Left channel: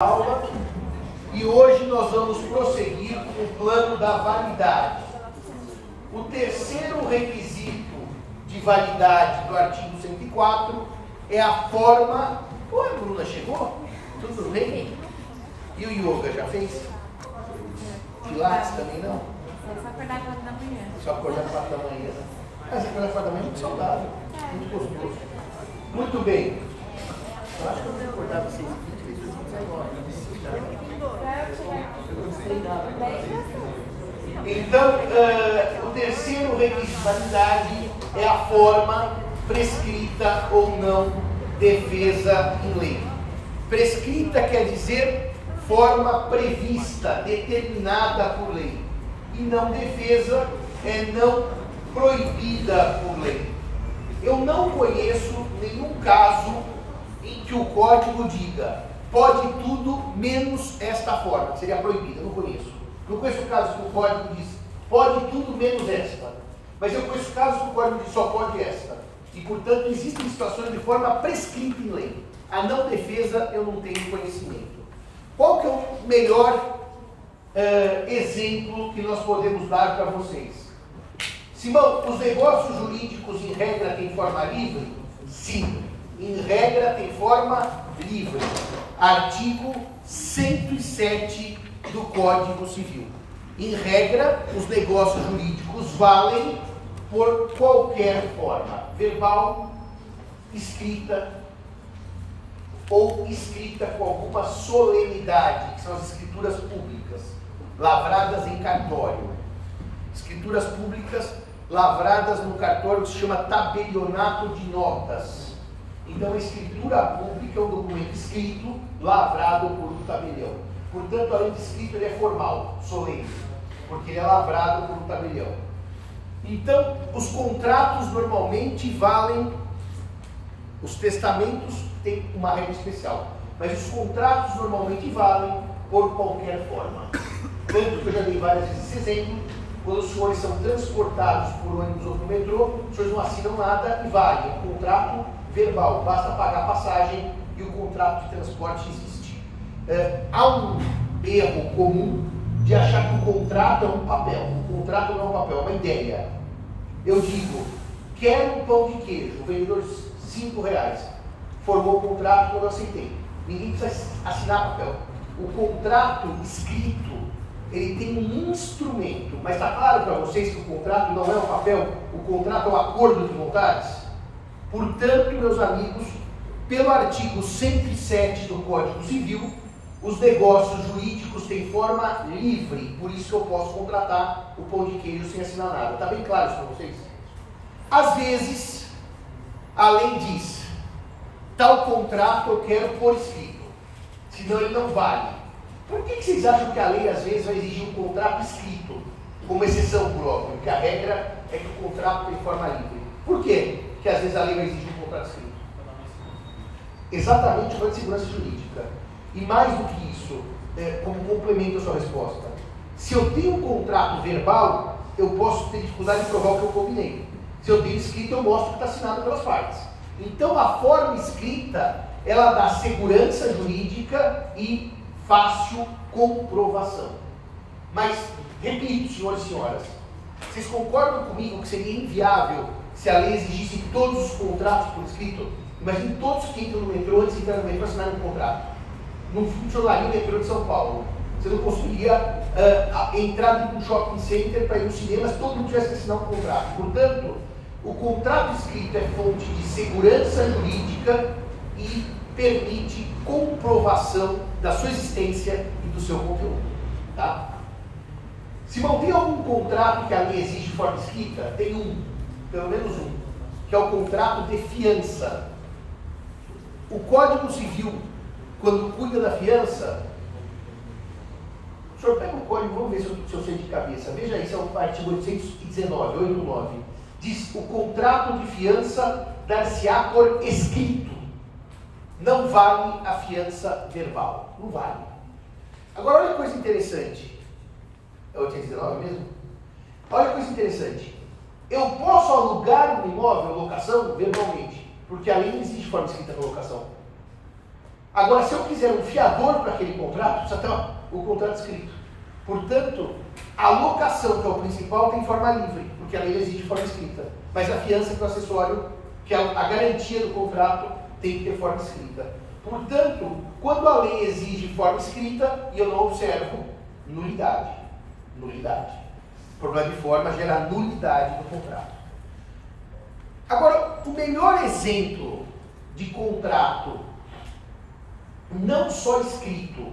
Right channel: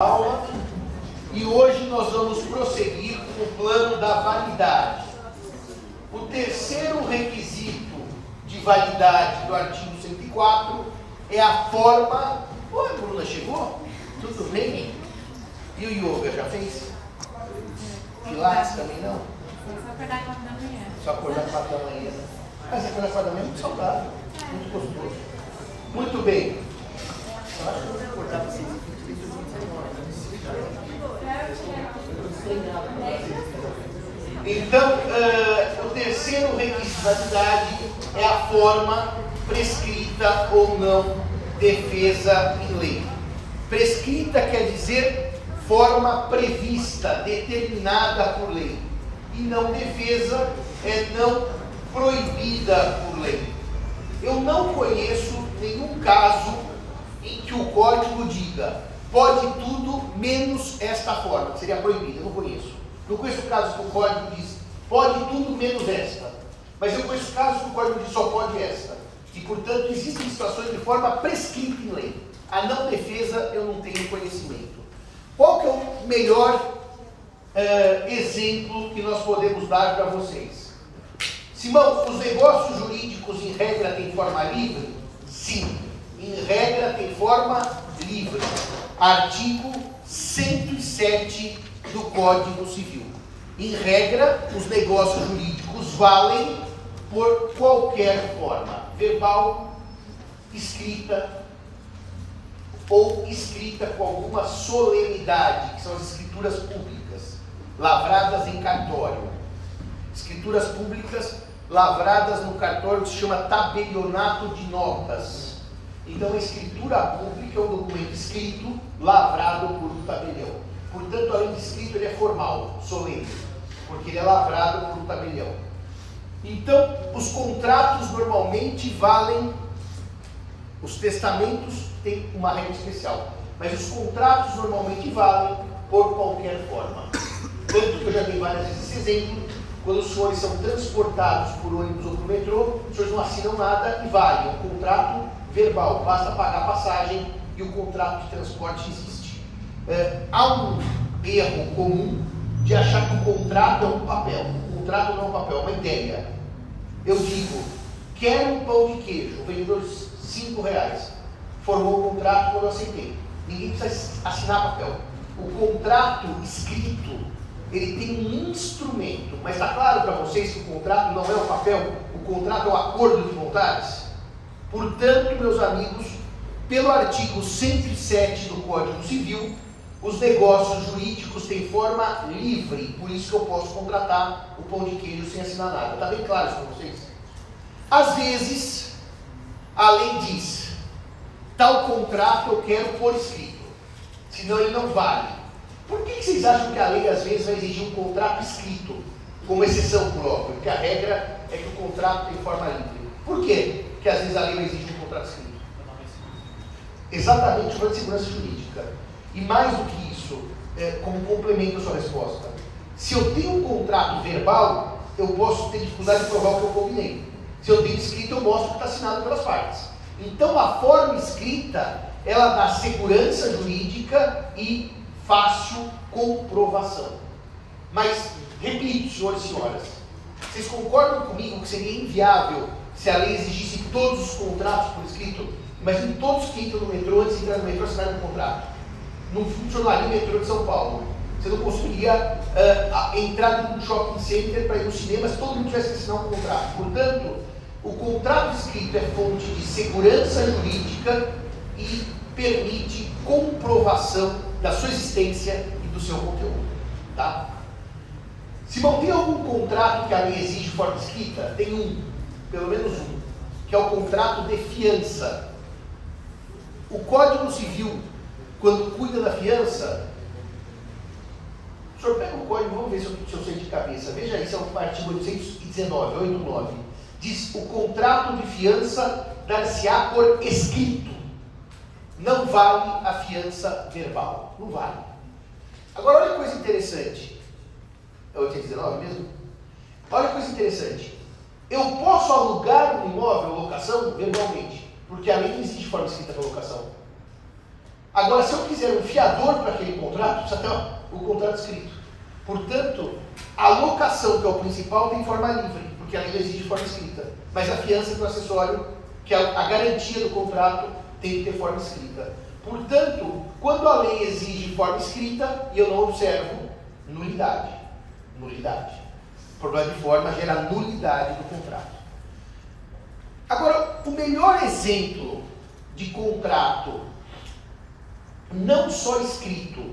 Aula e hoje nós vamos prosseguir com o plano da validade. O terceiro requisito de validade do artigo 104 é a forma... Oi, a Bruna chegou? Tudo bem? E o yoga já fez? Pilates também não? Só acordar 4 da manhã. Só acordar 4 da manhã, né? Mas acordar 4 da manhã é muito saudável, muito gostoso. Muito bem. Eu acho que eu vou recordar vocês aqui de 2019. Então, o terceiro requisito de validade é a forma prescrita ou não defesa em lei. Prescrita quer dizer forma prevista, determinada por lei. E não defesa é não proibida por lei. Eu não conheço nenhum caso em que o código diga pode tudo menos esta forma, que seria proibida. Eu não conheço. Não conheço casos que o código diz pode tudo menos esta. Mas eu conheço casos que o código diz só pode esta. E, portanto, existem situações de forma prescrita em lei. A não defesa eu não tenho conhecimento. Qual que é o melhor exemplo que nós podemos dar para vocês? Simão, os negócios jurídicos em regra têm forma livre? Sim, em regra tem forma livre. Artigo 107 do Código Civil. Em regra, os negócios jurídicos valem por qualquer forma, verbal, escrita ou escrita com alguma solenidade, que são as escrituras públicas, lavradas em cartório. Escrituras públicas lavradas no cartório se chama tabelionato de notas. Então, a escritura pública é um documento escrito, lavrado por um tabelião. Portanto, além de escrito, ele é formal, solene, porque ele é lavrado por um tabelião. Então, os contratos normalmente valem, os testamentos têm uma regra especial, mas os contratos normalmente valem por qualquer forma. Tanto que eu já dei várias vezes esse exemplo, quando os senhores são transportados por ônibus ou por metrô, os senhores não assinam nada e valem. O contrato verbal, basta pagar a passagem e o contrato de transporte existe. Há um erro comum de achar que o contrato é um papel. O contrato não é um papel, é uma ideia. Eu digo, quero um pão de queijo, o vendedor R$5. Formou o contrato quando eu aceitei. Ninguém precisa assinar papel. O contrato escrito, ele tem um instrumento, mas está claro para vocês que o contrato não é um papel, o contrato é um acordo de vontades? Portanto, meus amigos, pelo artigo 107 do Código Civil, os negócios jurídicos têm forma livre, por isso que eu posso contratar o pão de queijo sem assinar nada. Está bem claro isso para vocês? Às vezes, a lei diz, tal contrato eu quero por escrito, senão ele não vale. Por que vocês acham que a lei às vezes vai exigir um contrato escrito, como exceção própria? Porque a regra é que o contrato tem forma livre. Por quê que às vezes a lei vai exigir um contrato escrito? Exatamente o plano de segurança jurídica. E mais do que isso, como complemento à sua resposta, se eu tenho um contrato verbal, eu posso ter dificuldade de provar o que eu combinei. Se eu tenho escrito, eu mostro que está assinado pelas partes. Então a forma escrita, ela dá segurança jurídica e fácil comprovação. Mas, repito, senhores e senhoras, vocês concordam comigo que seria inviável se a lei exigisse que todos os contratos por escrito? Imagine todos que entram no metrô, antes de entrar no metrô, assinarem um contrato. Não funcionaria o metrô de São Paulo. Você não conseguiria entrar num shopping center para ir no cinema se todo mundo tivesse que assinar um contrato. Portanto, o contrato escrito é fonte de segurança jurídica e permite comprovação da sua existência e do seu conteúdo. Tá? Simão, tem algum contrato que a lei exige de forma escrita? Tem um, pelo menos um, que é o contrato de fiança. O Código Civil, quando cuida da fiança, o senhor pega o código, vamos ver se eu sei de cabeça. Veja aí, esse é o artigo 819, 89. Diz, o contrato de fiança dar-se-á por escrito. Não vale a fiança verbal. Não vale. Agora, olha que coisa interessante. É 819 mesmo? Olha que coisa interessante. Eu posso alugar um imóvel, locação, verbalmente, porque a lei não existe forma escrita para locação. Agora, se eu quiser um fiador para aquele contrato, precisa ter o contrato escrito. Portanto, a locação, que é o principal, tem forma livre, porque a lei exige forma escrita. Mas a fiança, que é o acessório, que é a garantia do contrato, tem que ter forma escrita. Portanto, quando a lei exige forma escrita e eu não observo, nulidade. Nulidade. O problema de forma gera nulidade do contrato. Agora, o melhor exemplo de contrato, não só escrito,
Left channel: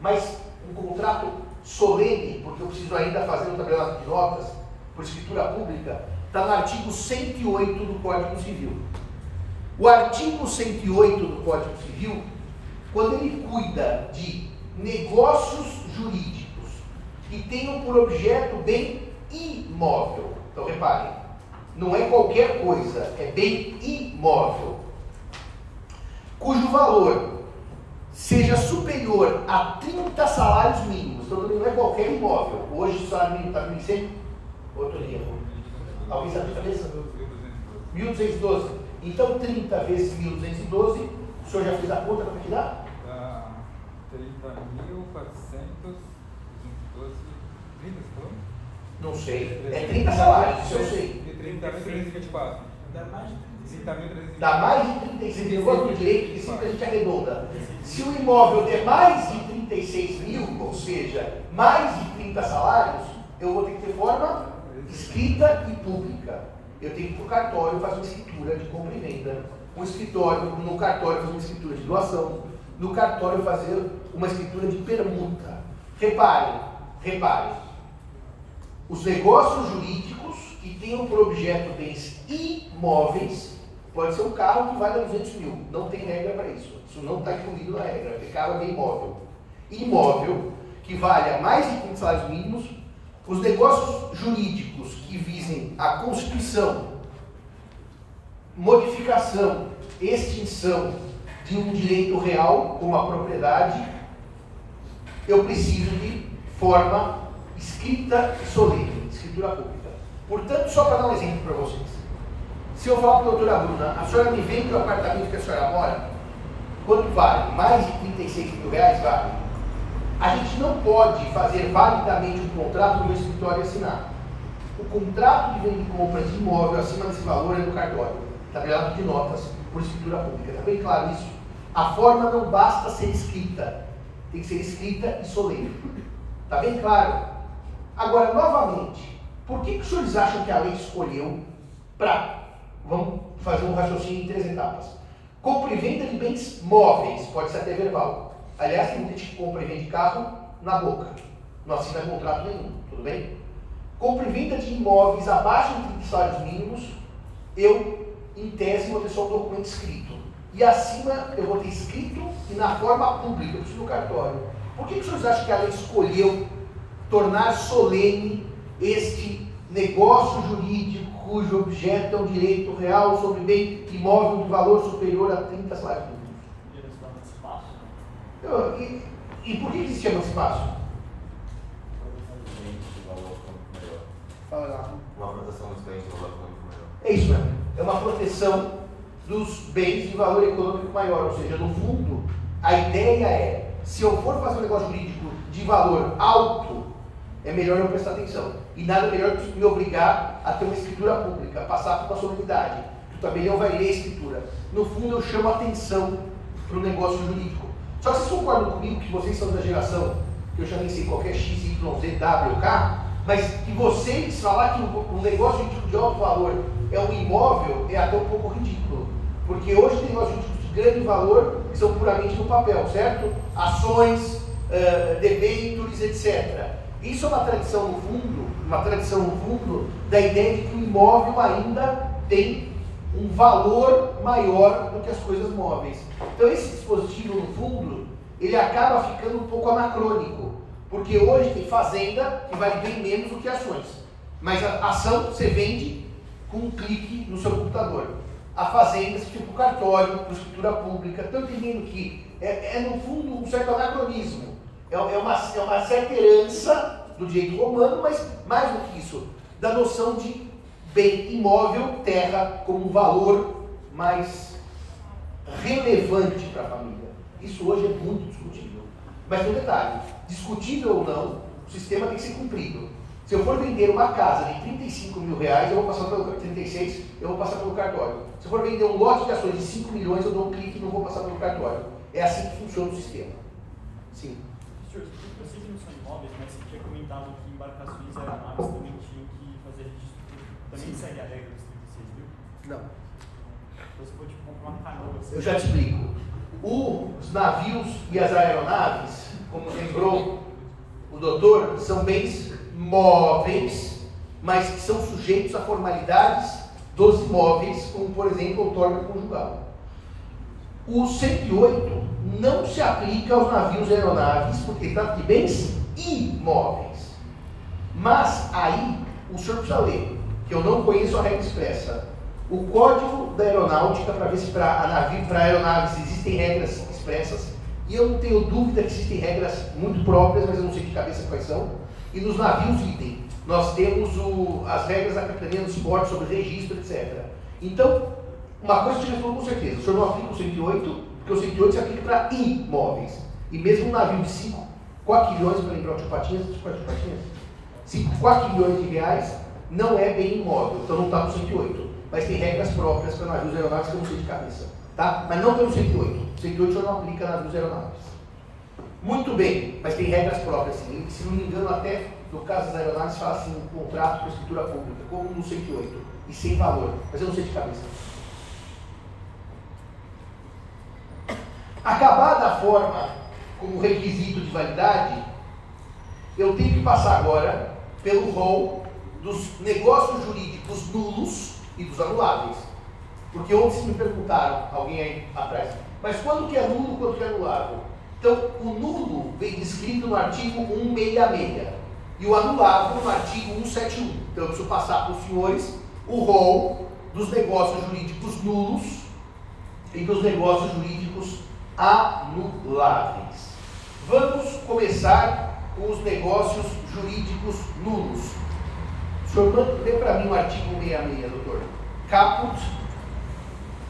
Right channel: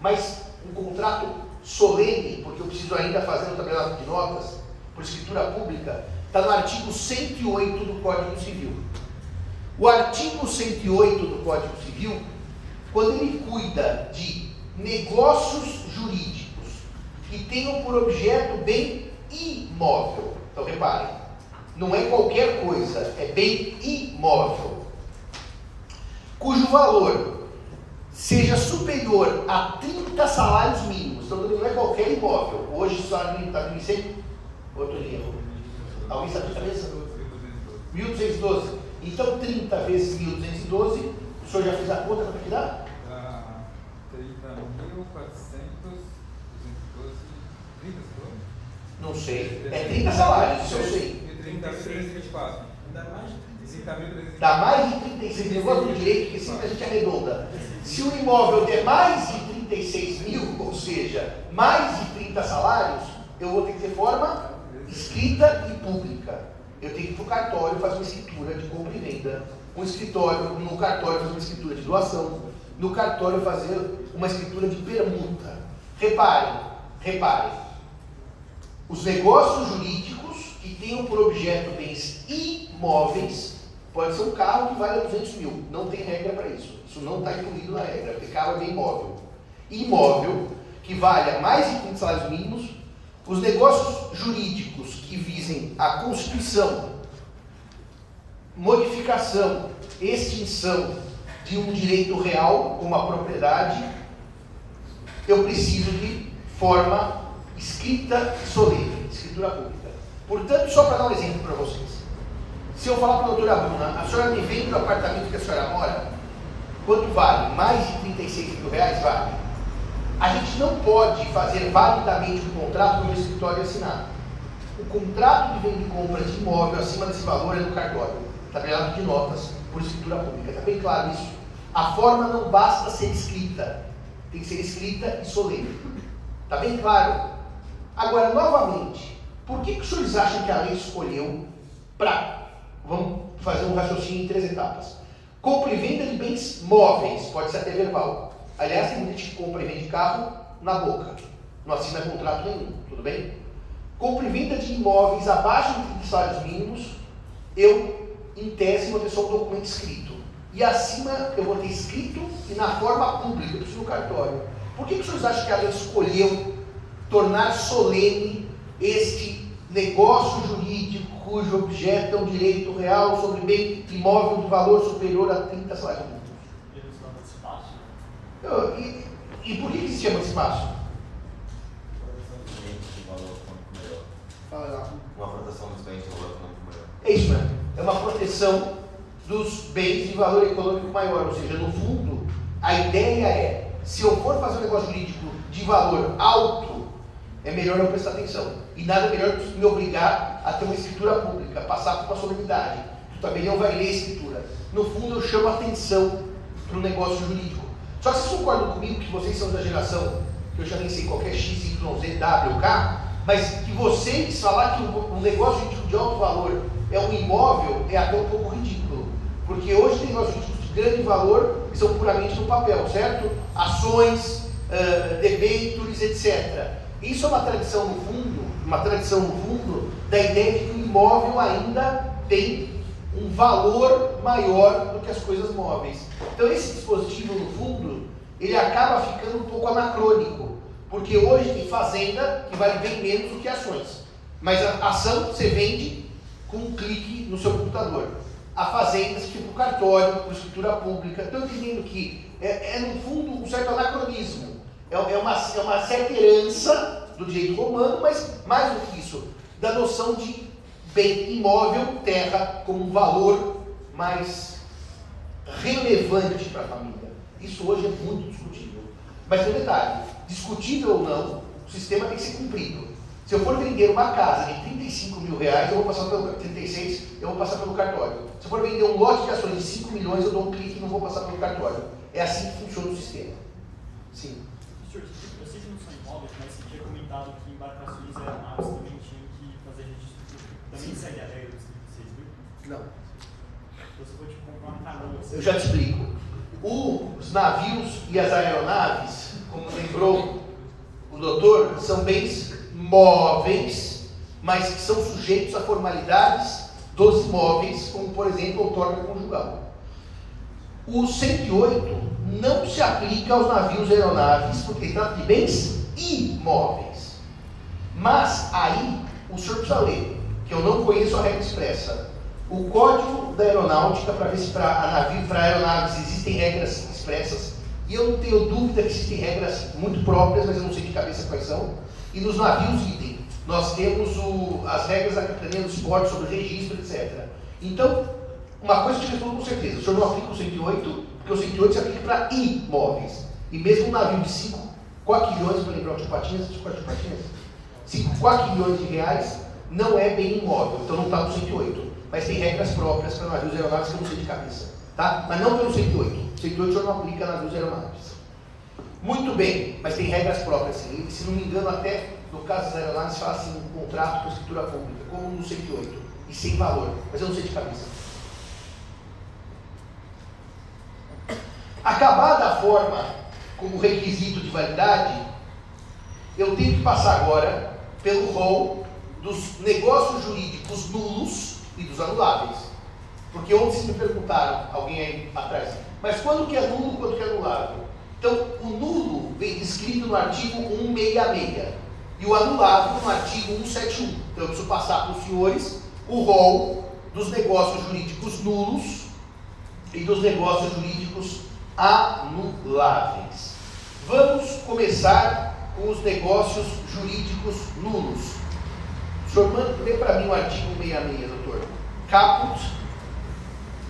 mas um contrato solene, porque eu preciso ainda fazer um tabelado de notas, por escritura pública, está no artigo 108 do Código Civil. O artigo 108 do Código Civil, quando ele cuida de negócios jurídicos que tenham por objeto bem imóvel, então reparem, não é qualquer coisa, é bem imóvel, cujo valor seja superior a 30 salários mínimos. Então não é qualquer imóvel. Hoje o salário mínimo está 1.100? Outro erro. Alguém sabe de cabeça? 1.212. Então 30 vezes 1.212, o senhor já fez a conta para que dá? 30.412. Não sei. É 30 salários, isso eu sei. 30 vezes 24. Dá mais de 36 mil. Eu gosto do direito, que sempre a gente arredonda. Se o imóvel der mais de 36 mil, ou seja, mais de 30 salários, eu vou ter que ter forma escrita e pública. Eu tenho que ir para o cartório fazer uma escritura de compra e venda. No cartório fazer uma escritura de doação. No cartório fazer uma escritura de permuta. Reparem. Os negócios jurídicos que tenham por objeto bens imóveis, pode ser um carro que vale 200 mil. Não tem regra para isso. Isso não está incluído na regra, porque carro é bem imóvel. Imóvel que valha mais de 30 salários mínimos. Os negócios jurídicos que visem a constituição, modificação, extinção de um direito real, como a propriedade, eu preciso de forma escrita e solene, escritura pública. Portanto, só para dar um exemplo para vocês. Se eu falar para a doutora Bruna, a senhora me vende o apartamento que a senhora mora, quanto vale? Mais de 36 mil reais vale? A gente não pode fazer validamente um contrato no meu escritório e assinar. O contrato de venda e compra de imóvel acima desse valor é no cartório, tabelado de notas por escritura pública. Está bem claro isso? A forma não basta ser escrita, tem que ser escrita e solene. Está bem claro? Agora, novamente, por que os senhores acham que a lei escolheu para... Vamos fazer um raciocínio em 3 etapas. Compra e venda de bens móveis, pode ser até verbal. Aliás, tem muita gente que compra e vende carro na boca. Não assina contrato nenhum, tudo bem? Compra e venda de imóveis abaixo de 30 salários mínimos, eu, em tese, vou ter só um documento escrito. E acima eu vou ter escrito e na forma pública, eu preciso no cartório. Por que os senhores acham que a lei escolheu tornar solene este negócio jurídico cujo objeto é um direito real sobre bem imóvel de valor superior a 30 salários mínimos? E por que se chama de espaço? Fala lá. Uma proteção dos bens de valor econômico maior. É isso, né? É uma proteção dos bens de valor econômico maior. Ou seja, no fundo, a ideia é, se eu for fazer um negócio jurídico de valor alto, é melhor não prestar atenção. E nada melhor do que me obrigar a ter uma escritura pública, passar por uma solenidade. O tabelião vai ler a escritura. No fundo, eu chamo a atenção para o negócio jurídico. Só que vocês concordam comigo que vocês são da geração, que eu já nem sei qual é X, Y, Z, W, K, mas que vocês falar que um negócio jurídico de alto valor é um imóvel é até um pouco ridículo. Porque hoje tem negócios jurídicos de grande valor que são puramente no papel, certo? Ações, debêntures, etc. Isso é uma tradição no fundo, da ideia de que o imóvel ainda tem um valor maior do que as coisas móveis. Então esse dispositivo, no fundo, ele acaba ficando um pouco anacrônico, porque hoje tem fazenda que vale bem menos do que ações. Mas a ação você vende com um clique no seu computador. A fazenda você fica para o cartório, por escritura pública. Estou entendendo que no fundo, um certo anacronismo. É uma certa herança do direito romano, mas mais do que isso, da noção de bem imóvel, terra, como um valor mais relevante para a família. Isso hoje é muito discutível. Mas tem um detalhe, discutível ou não, o sistema tem que ser cumprido. Se eu for vender uma casa de 35 mil reais, eu vou passar pelo 36, eu vou passar pelo cartório. Se eu for vender um lote de ações de 5 milhões, eu dou um clique e não vou passar pelo cartório. É assim que funciona o sistema. Sim. Senhor, eu sei que não são imóveis, mas você tinha comentado que embarcações aeronaves também tinham que fazer registro. Também segue a regra dos 36 mil? Não. Você pode comprar uma canoa. Eu já te explico. Os navios e as aeronaves, como lembrou o doutor, são bens móveis, mas que são sujeitos a formalidades dos imóveis, como por exemplo a outorga conjugal. O 108 não se aplica aos navios e aeronaves, porque trata de bens imóveis. Mas aí o senhor precisa ler, que eu não conheço a regra expressa. O Código da Aeronáutica, para ver se para aeronaves existem regras expressas, e eu não tenho dúvida que existem regras muito próprias, mas eu não sei de cabeça quais são. E nos navios, idem. Nós temos as regras da Capitania dos Portos sobre o registro, etc. Então, uma coisa eu te respondo com certeza: o senhor não aplica o 108, porque o 108 se aplica para imóveis. E mesmo um navio de 5 quaquilhões, para lembrar o tio Patinhas, 5 quaquilhões de reais, não é bem imóvel, então não está no 108. Mas tem regras próprias para navios e aeronaves que eu não sei de cabeça. Tá? Mas não pelo 108. O 108 o senhor não aplica a navios e aeronaves. Muito bem, mas tem regras próprias, sim. E, se não me engano, até no caso das aeronaves, fala assim, um contrato com a escritura pública, como no 108, e sem valor. Mas eu não sei de cabeça. Acabada a forma como requisito de validade, eu tenho que passar agora pelo rol dos negócios jurídicos nulos e dos anuláveis. Porque ontem vocês me perguntaram, alguém aí atrás, mas quando que é nulo, quando que é anulável? Então, o nulo vem descrito no artigo 166 e o anulável no artigo 171. Então, eu preciso passar para os senhores o rol dos negócios jurídicos nulos e dos negócios jurídicos anuláveis. Vamos começar com os negócios jurídicos nulos. O senhor lê para mim o artigo 166, doutor. Caput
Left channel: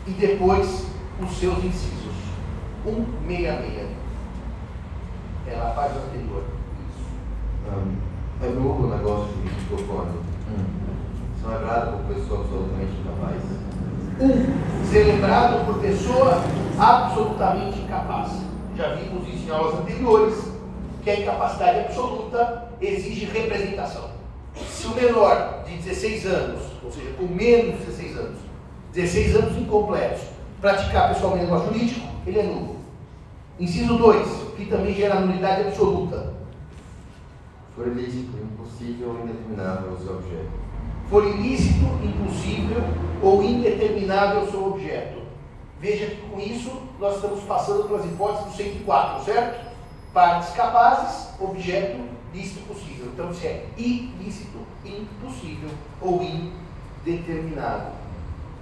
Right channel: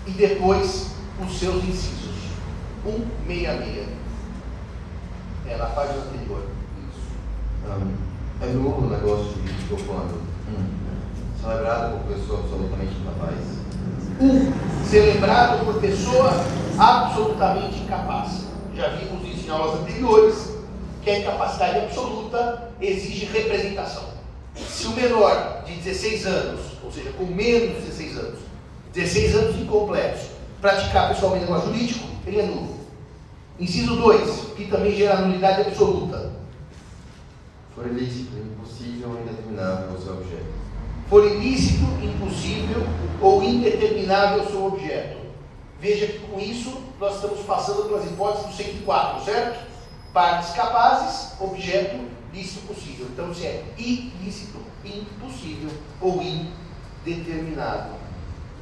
e depois os seus incisos. 166. É na página anterior. Isso. É nulo o negócio jurídico quando celebrado por pessoa absolutamente incapaz. Celebrado por pessoa absolutamente incapaz. Já vimos isso em aulas anteriores, que a incapacidade absoluta exige representação. Se o menor de 16 anos, ou seja, com menos de 16 anos incompletos, praticar pessoalmente negócio jurídico, ele é nulo. Inciso 2, que também gera nulidade absoluta. For ilícito, impossível ou indeterminável o seu objeto. For ilícito, impossível ou indeterminável o seu objeto. Veja que com isso nós estamos passando pelas hipóteses do 104, certo? Partes capazes, objeto, lícito, possível. Então, se é ilícito, impossível ou indeterminado.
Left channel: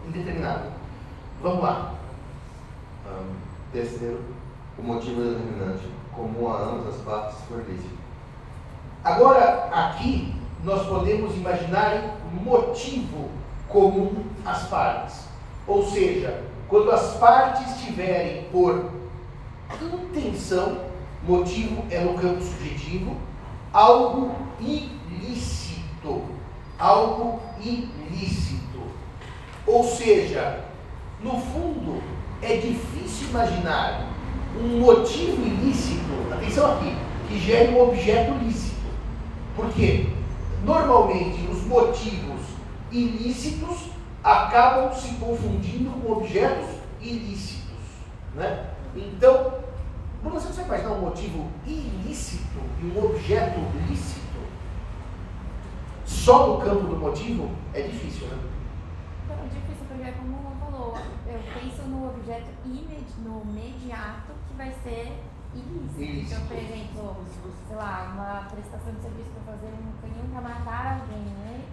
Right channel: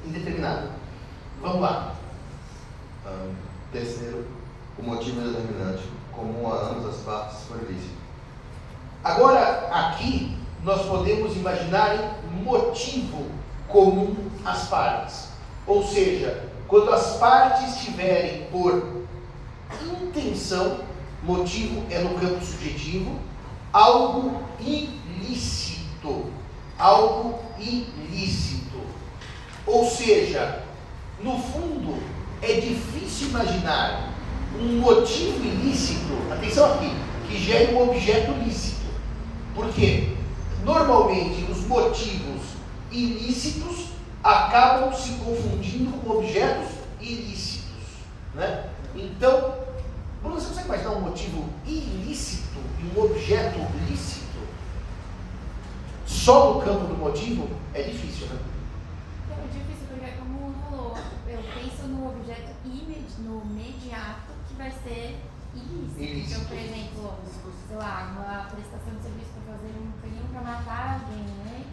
Indeterminado. Vamos lá. Terceiro, o motivo determinante, comum a ambas as partes, for ilícito. Agora, aqui, nós podemos imaginar um motivo comum às partes. Ou seja, quando as partes tiverem por intenção, motivo é no campo subjetivo, algo ilícito. Algo ilícito. Ou seja, no fundo, é difícil imaginar um motivo ilícito, atenção aqui, que gere um objeto lícito. Por quê? Normalmente, os motivos ilícitos acabam se confundindo com objetos ilícitos, né? Então, você consegue imaginar um motivo ilícito e um objeto lícito? Só no campo do motivo é difícil, né? É difícil porque, como falou, eu penso no objeto no imediato que vai ser ilícito. Então, por exemplo, sei lá, uma prestação de serviço para fazer um canhão para matar alguém, né?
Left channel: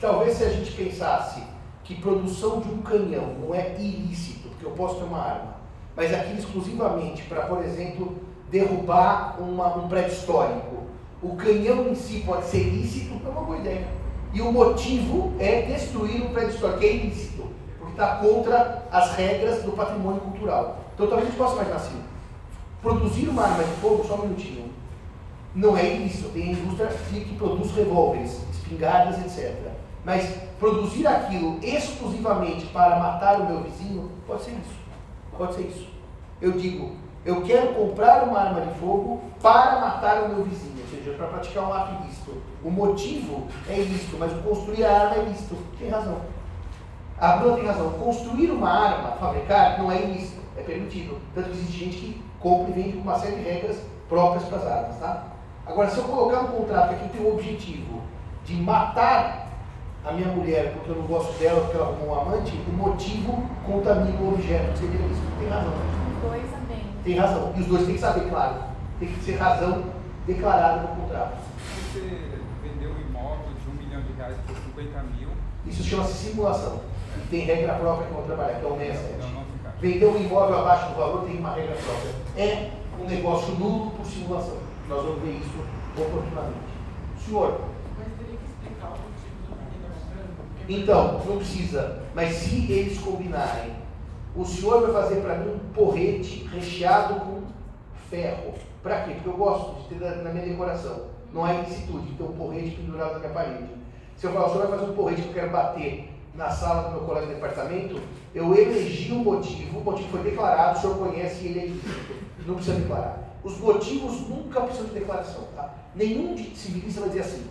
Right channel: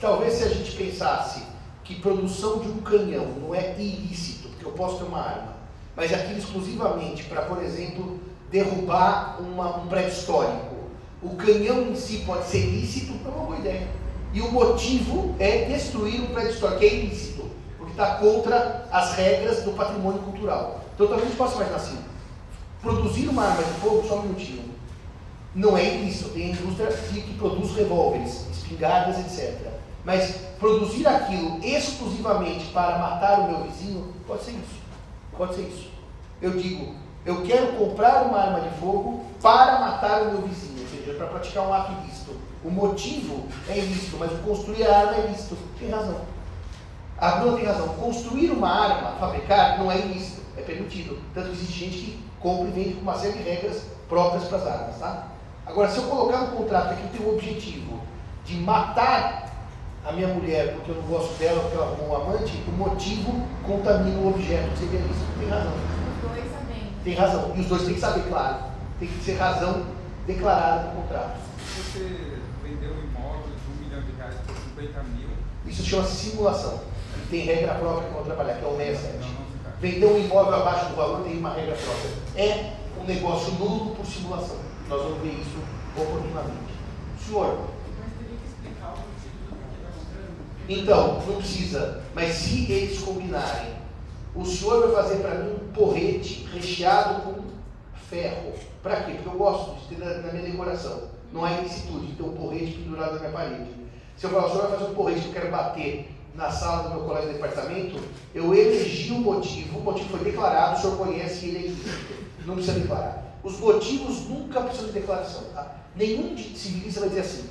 Talvez se a gente pensasse que produção de um canhão não é ilícito, porque eu posso ter uma arma, mas aquilo exclusivamente para, por exemplo, derrubar um prédio histórico. O canhão em si pode ser ilícito, é uma boa ideia. E o motivo é destruir um prédio histórico, que é ilícito, porque está contra as regras do patrimônio cultural. Então talvez a gente possa imaginar assim, produzir uma arma de fogo, só um minutinho, não é ilícito. Tem a indústria que produz revólveres, espingardas, etc. Mas produzir aquilo exclusivamente para matar o meu vizinho, pode ser isso. Pode ser isso. Eu digo, eu quero comprar uma arma de fogo para matar o meu vizinho, ou seja, para praticar um ato ilícito. O motivo é ilícito, mas construir a arma é ilícito. Tem razão. A Bruna tem razão. Construir uma arma, fabricar, não é ilícito, é permitido. Tanto que existe gente que compra e vende com uma série de regras próprias para as armas, tá? Agora, se eu colocar no contrato que aquilo tem o objetivo de matar a minha mulher porque eu não gosto dela, porque ela arrumou um amante, o motivo contamina o objeto, que seria isso. Tem razão. Os dois sabem. Tem razão. E os dois têm que saber, claro. Tem que ser razão declarada no contrato. Se você vendeu um imóvel de R$1 milhão por 50 mil... Isso chama-se simulação. E tem regra própria que eu vou trabalhar, que é o 67. Vender um imóvel abaixo do valor tem uma regra própria. É um negócio nulo por simulação. Nós vamos ver isso oportunamente. Senhor? Mas teria que explicar o motivo. Então, não precisa. Mas se eles combinarem, o senhor vai fazer para mim um porrete recheado com ferro. Para quê? Porque eu gosto de ter na minha decoração. Não é ilicitude, ter um porrete pendurado na minha parede. Se eu falar, o senhor vai fazer um porrete que eu quero bater na sala do meu colégio de departamento, eu elegi o motivo foi declarado, o senhor conhece e ele é ilícito. Não precisa declarar. Os motivos nunca precisam de declaração, tá? Nenhum civilista vai dizer assim,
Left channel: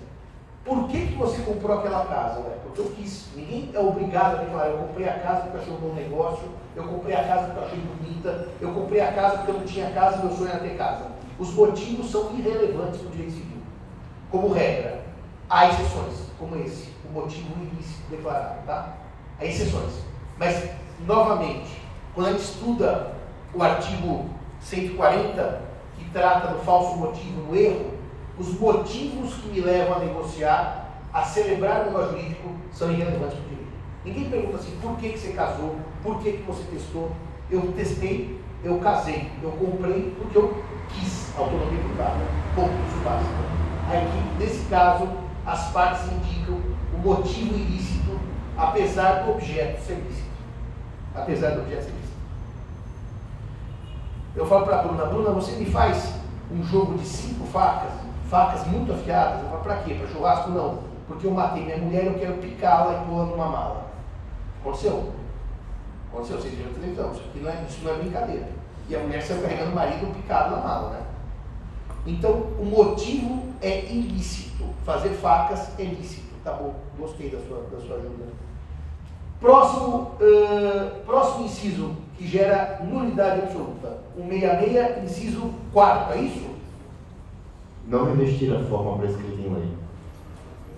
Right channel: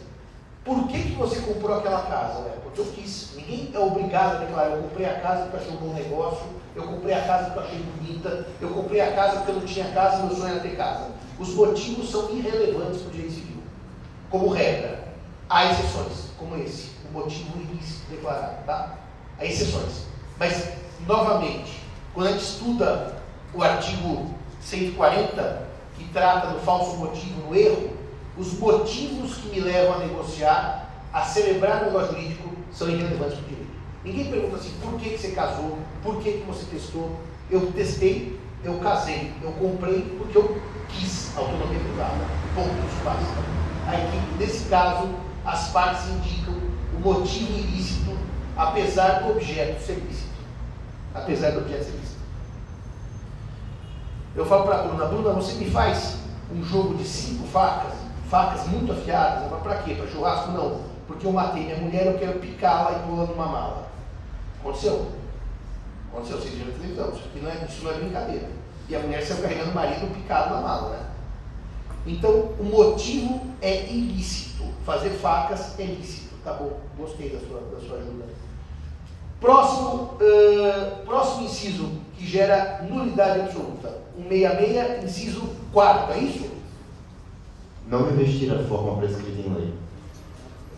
por que você comprou aquela casa? Ué, porque eu quis. Ninguém é obrigado a declarar, eu comprei a casa porque eu achei um bom negócio, eu comprei a casa porque eu achei bonita, eu comprei a casa porque eu não tinha casa e meu sonho era ter casa. Os motivos são irrelevantes para o direito civil. Como regra, há exceções, como esse, o motivo ilícito declarado, tá? Há exceções. Mas, novamente, quando a gente estuda o artigo 140, que trata do falso motivo, no erro, os motivos que me levam a negociar, a celebrar o negócio jurídico, são irrelevantes para o direito. Ninguém pergunta assim, por que você casou? Por que você testou? Eu testei, eu casei, eu comprei porque eu quis autonomia do carro. Ponto, isso basta. Aí, nesse caso, as partes indicam o motivo ilícito, apesar do objeto ser lícito. Apesar do objeto ser lícito. Eu falo para a Bruna, você me faz um jogo de 5 facas muito afiadas. Eu falo, para quê? Para churrasco? Não. Porque eu matei minha mulher e eu quero picá-la e pô-la numa mala. Aconteceu. Aconteceu, vocês viram na televisão. Isso não é brincadeira. E a mulher saiu carregando o marido picado na mala, né? Então, o motivo é ilícito. Fazer facas é lícito. Tá bom, gostei da sua ajuda. Próximo inciso, que gera nulidade absoluta. 166, inciso 4º, é isso? Não revestir a forma prescrita em lei.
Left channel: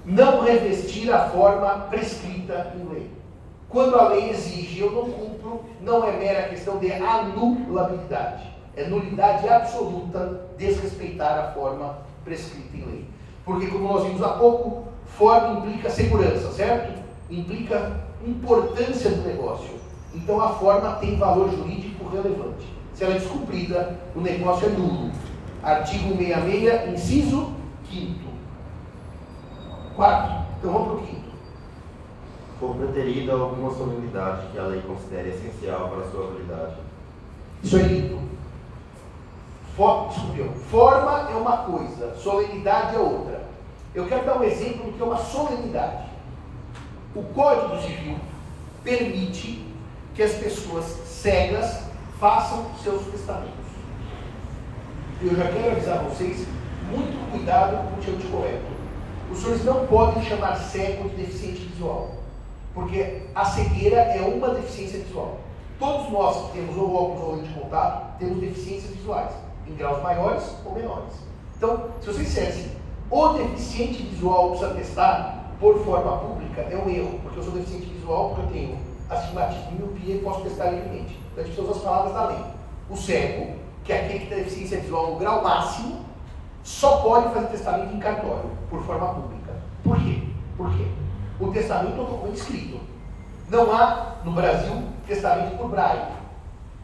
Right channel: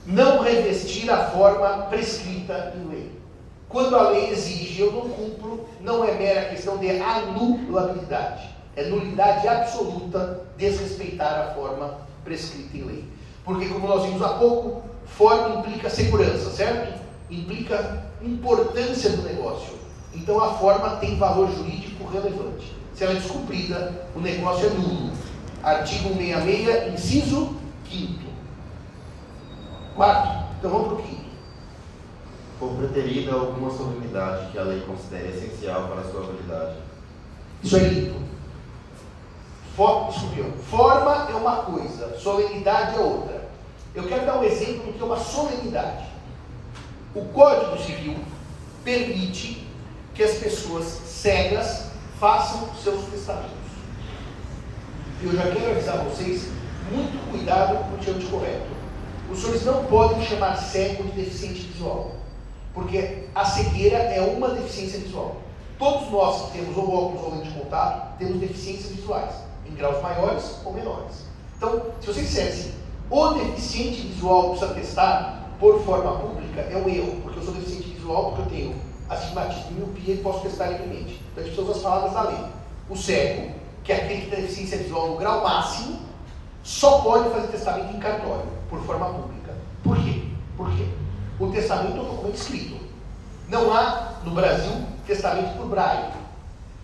Não revestir a forma prescrita em lei. Quando a lei exige, eu não cumpro, não é mera questão de anulabilidade. É nulidade absoluta desrespeitar a forma prescrita em lei. Porque, como nós vimos há pouco, forma implica segurança, certo? Implica importância do negócio. Então a forma tem valor jurídico relevante. Se ela é descumprida, o negócio é nulo. Artigo 166, inciso 5º. 4º. Então vamos para o 5º. For preterida alguma solenidade que a lei considere essencial para a sua habilidade. Isso é lindo. Forma é uma coisa, solenidade é outra. Eu quero dar um exemplo do que é uma solenidade. O Código Civil permite que as pessoas cegas façam seus testamentos. Eu já quero avisar vocês, muito cuidado com o termo correto. Os senhores não podem chamar cego de deficiente visual, porque a cegueira é uma deficiência visual. Todos nós que temos ou óculos ou lente de contato, temos deficiências visuais, em graus maiores ou menores. Então, se vocês dissessem, o deficiente visual precisa testar por forma pública, é um erro, porque eu sou deficiente visual, porque eu tenho astigmatismo e miopia e posso testar livremente. Então, a gente precisa usar as palavras da lei. O cego, que é aquele que tem deficiência visual no grau máximo, só pode fazer testamento em cartório, por forma pública. Por quê? Por quê? O testamento é um documento escrito. Não há, no Brasil, testamento por braille.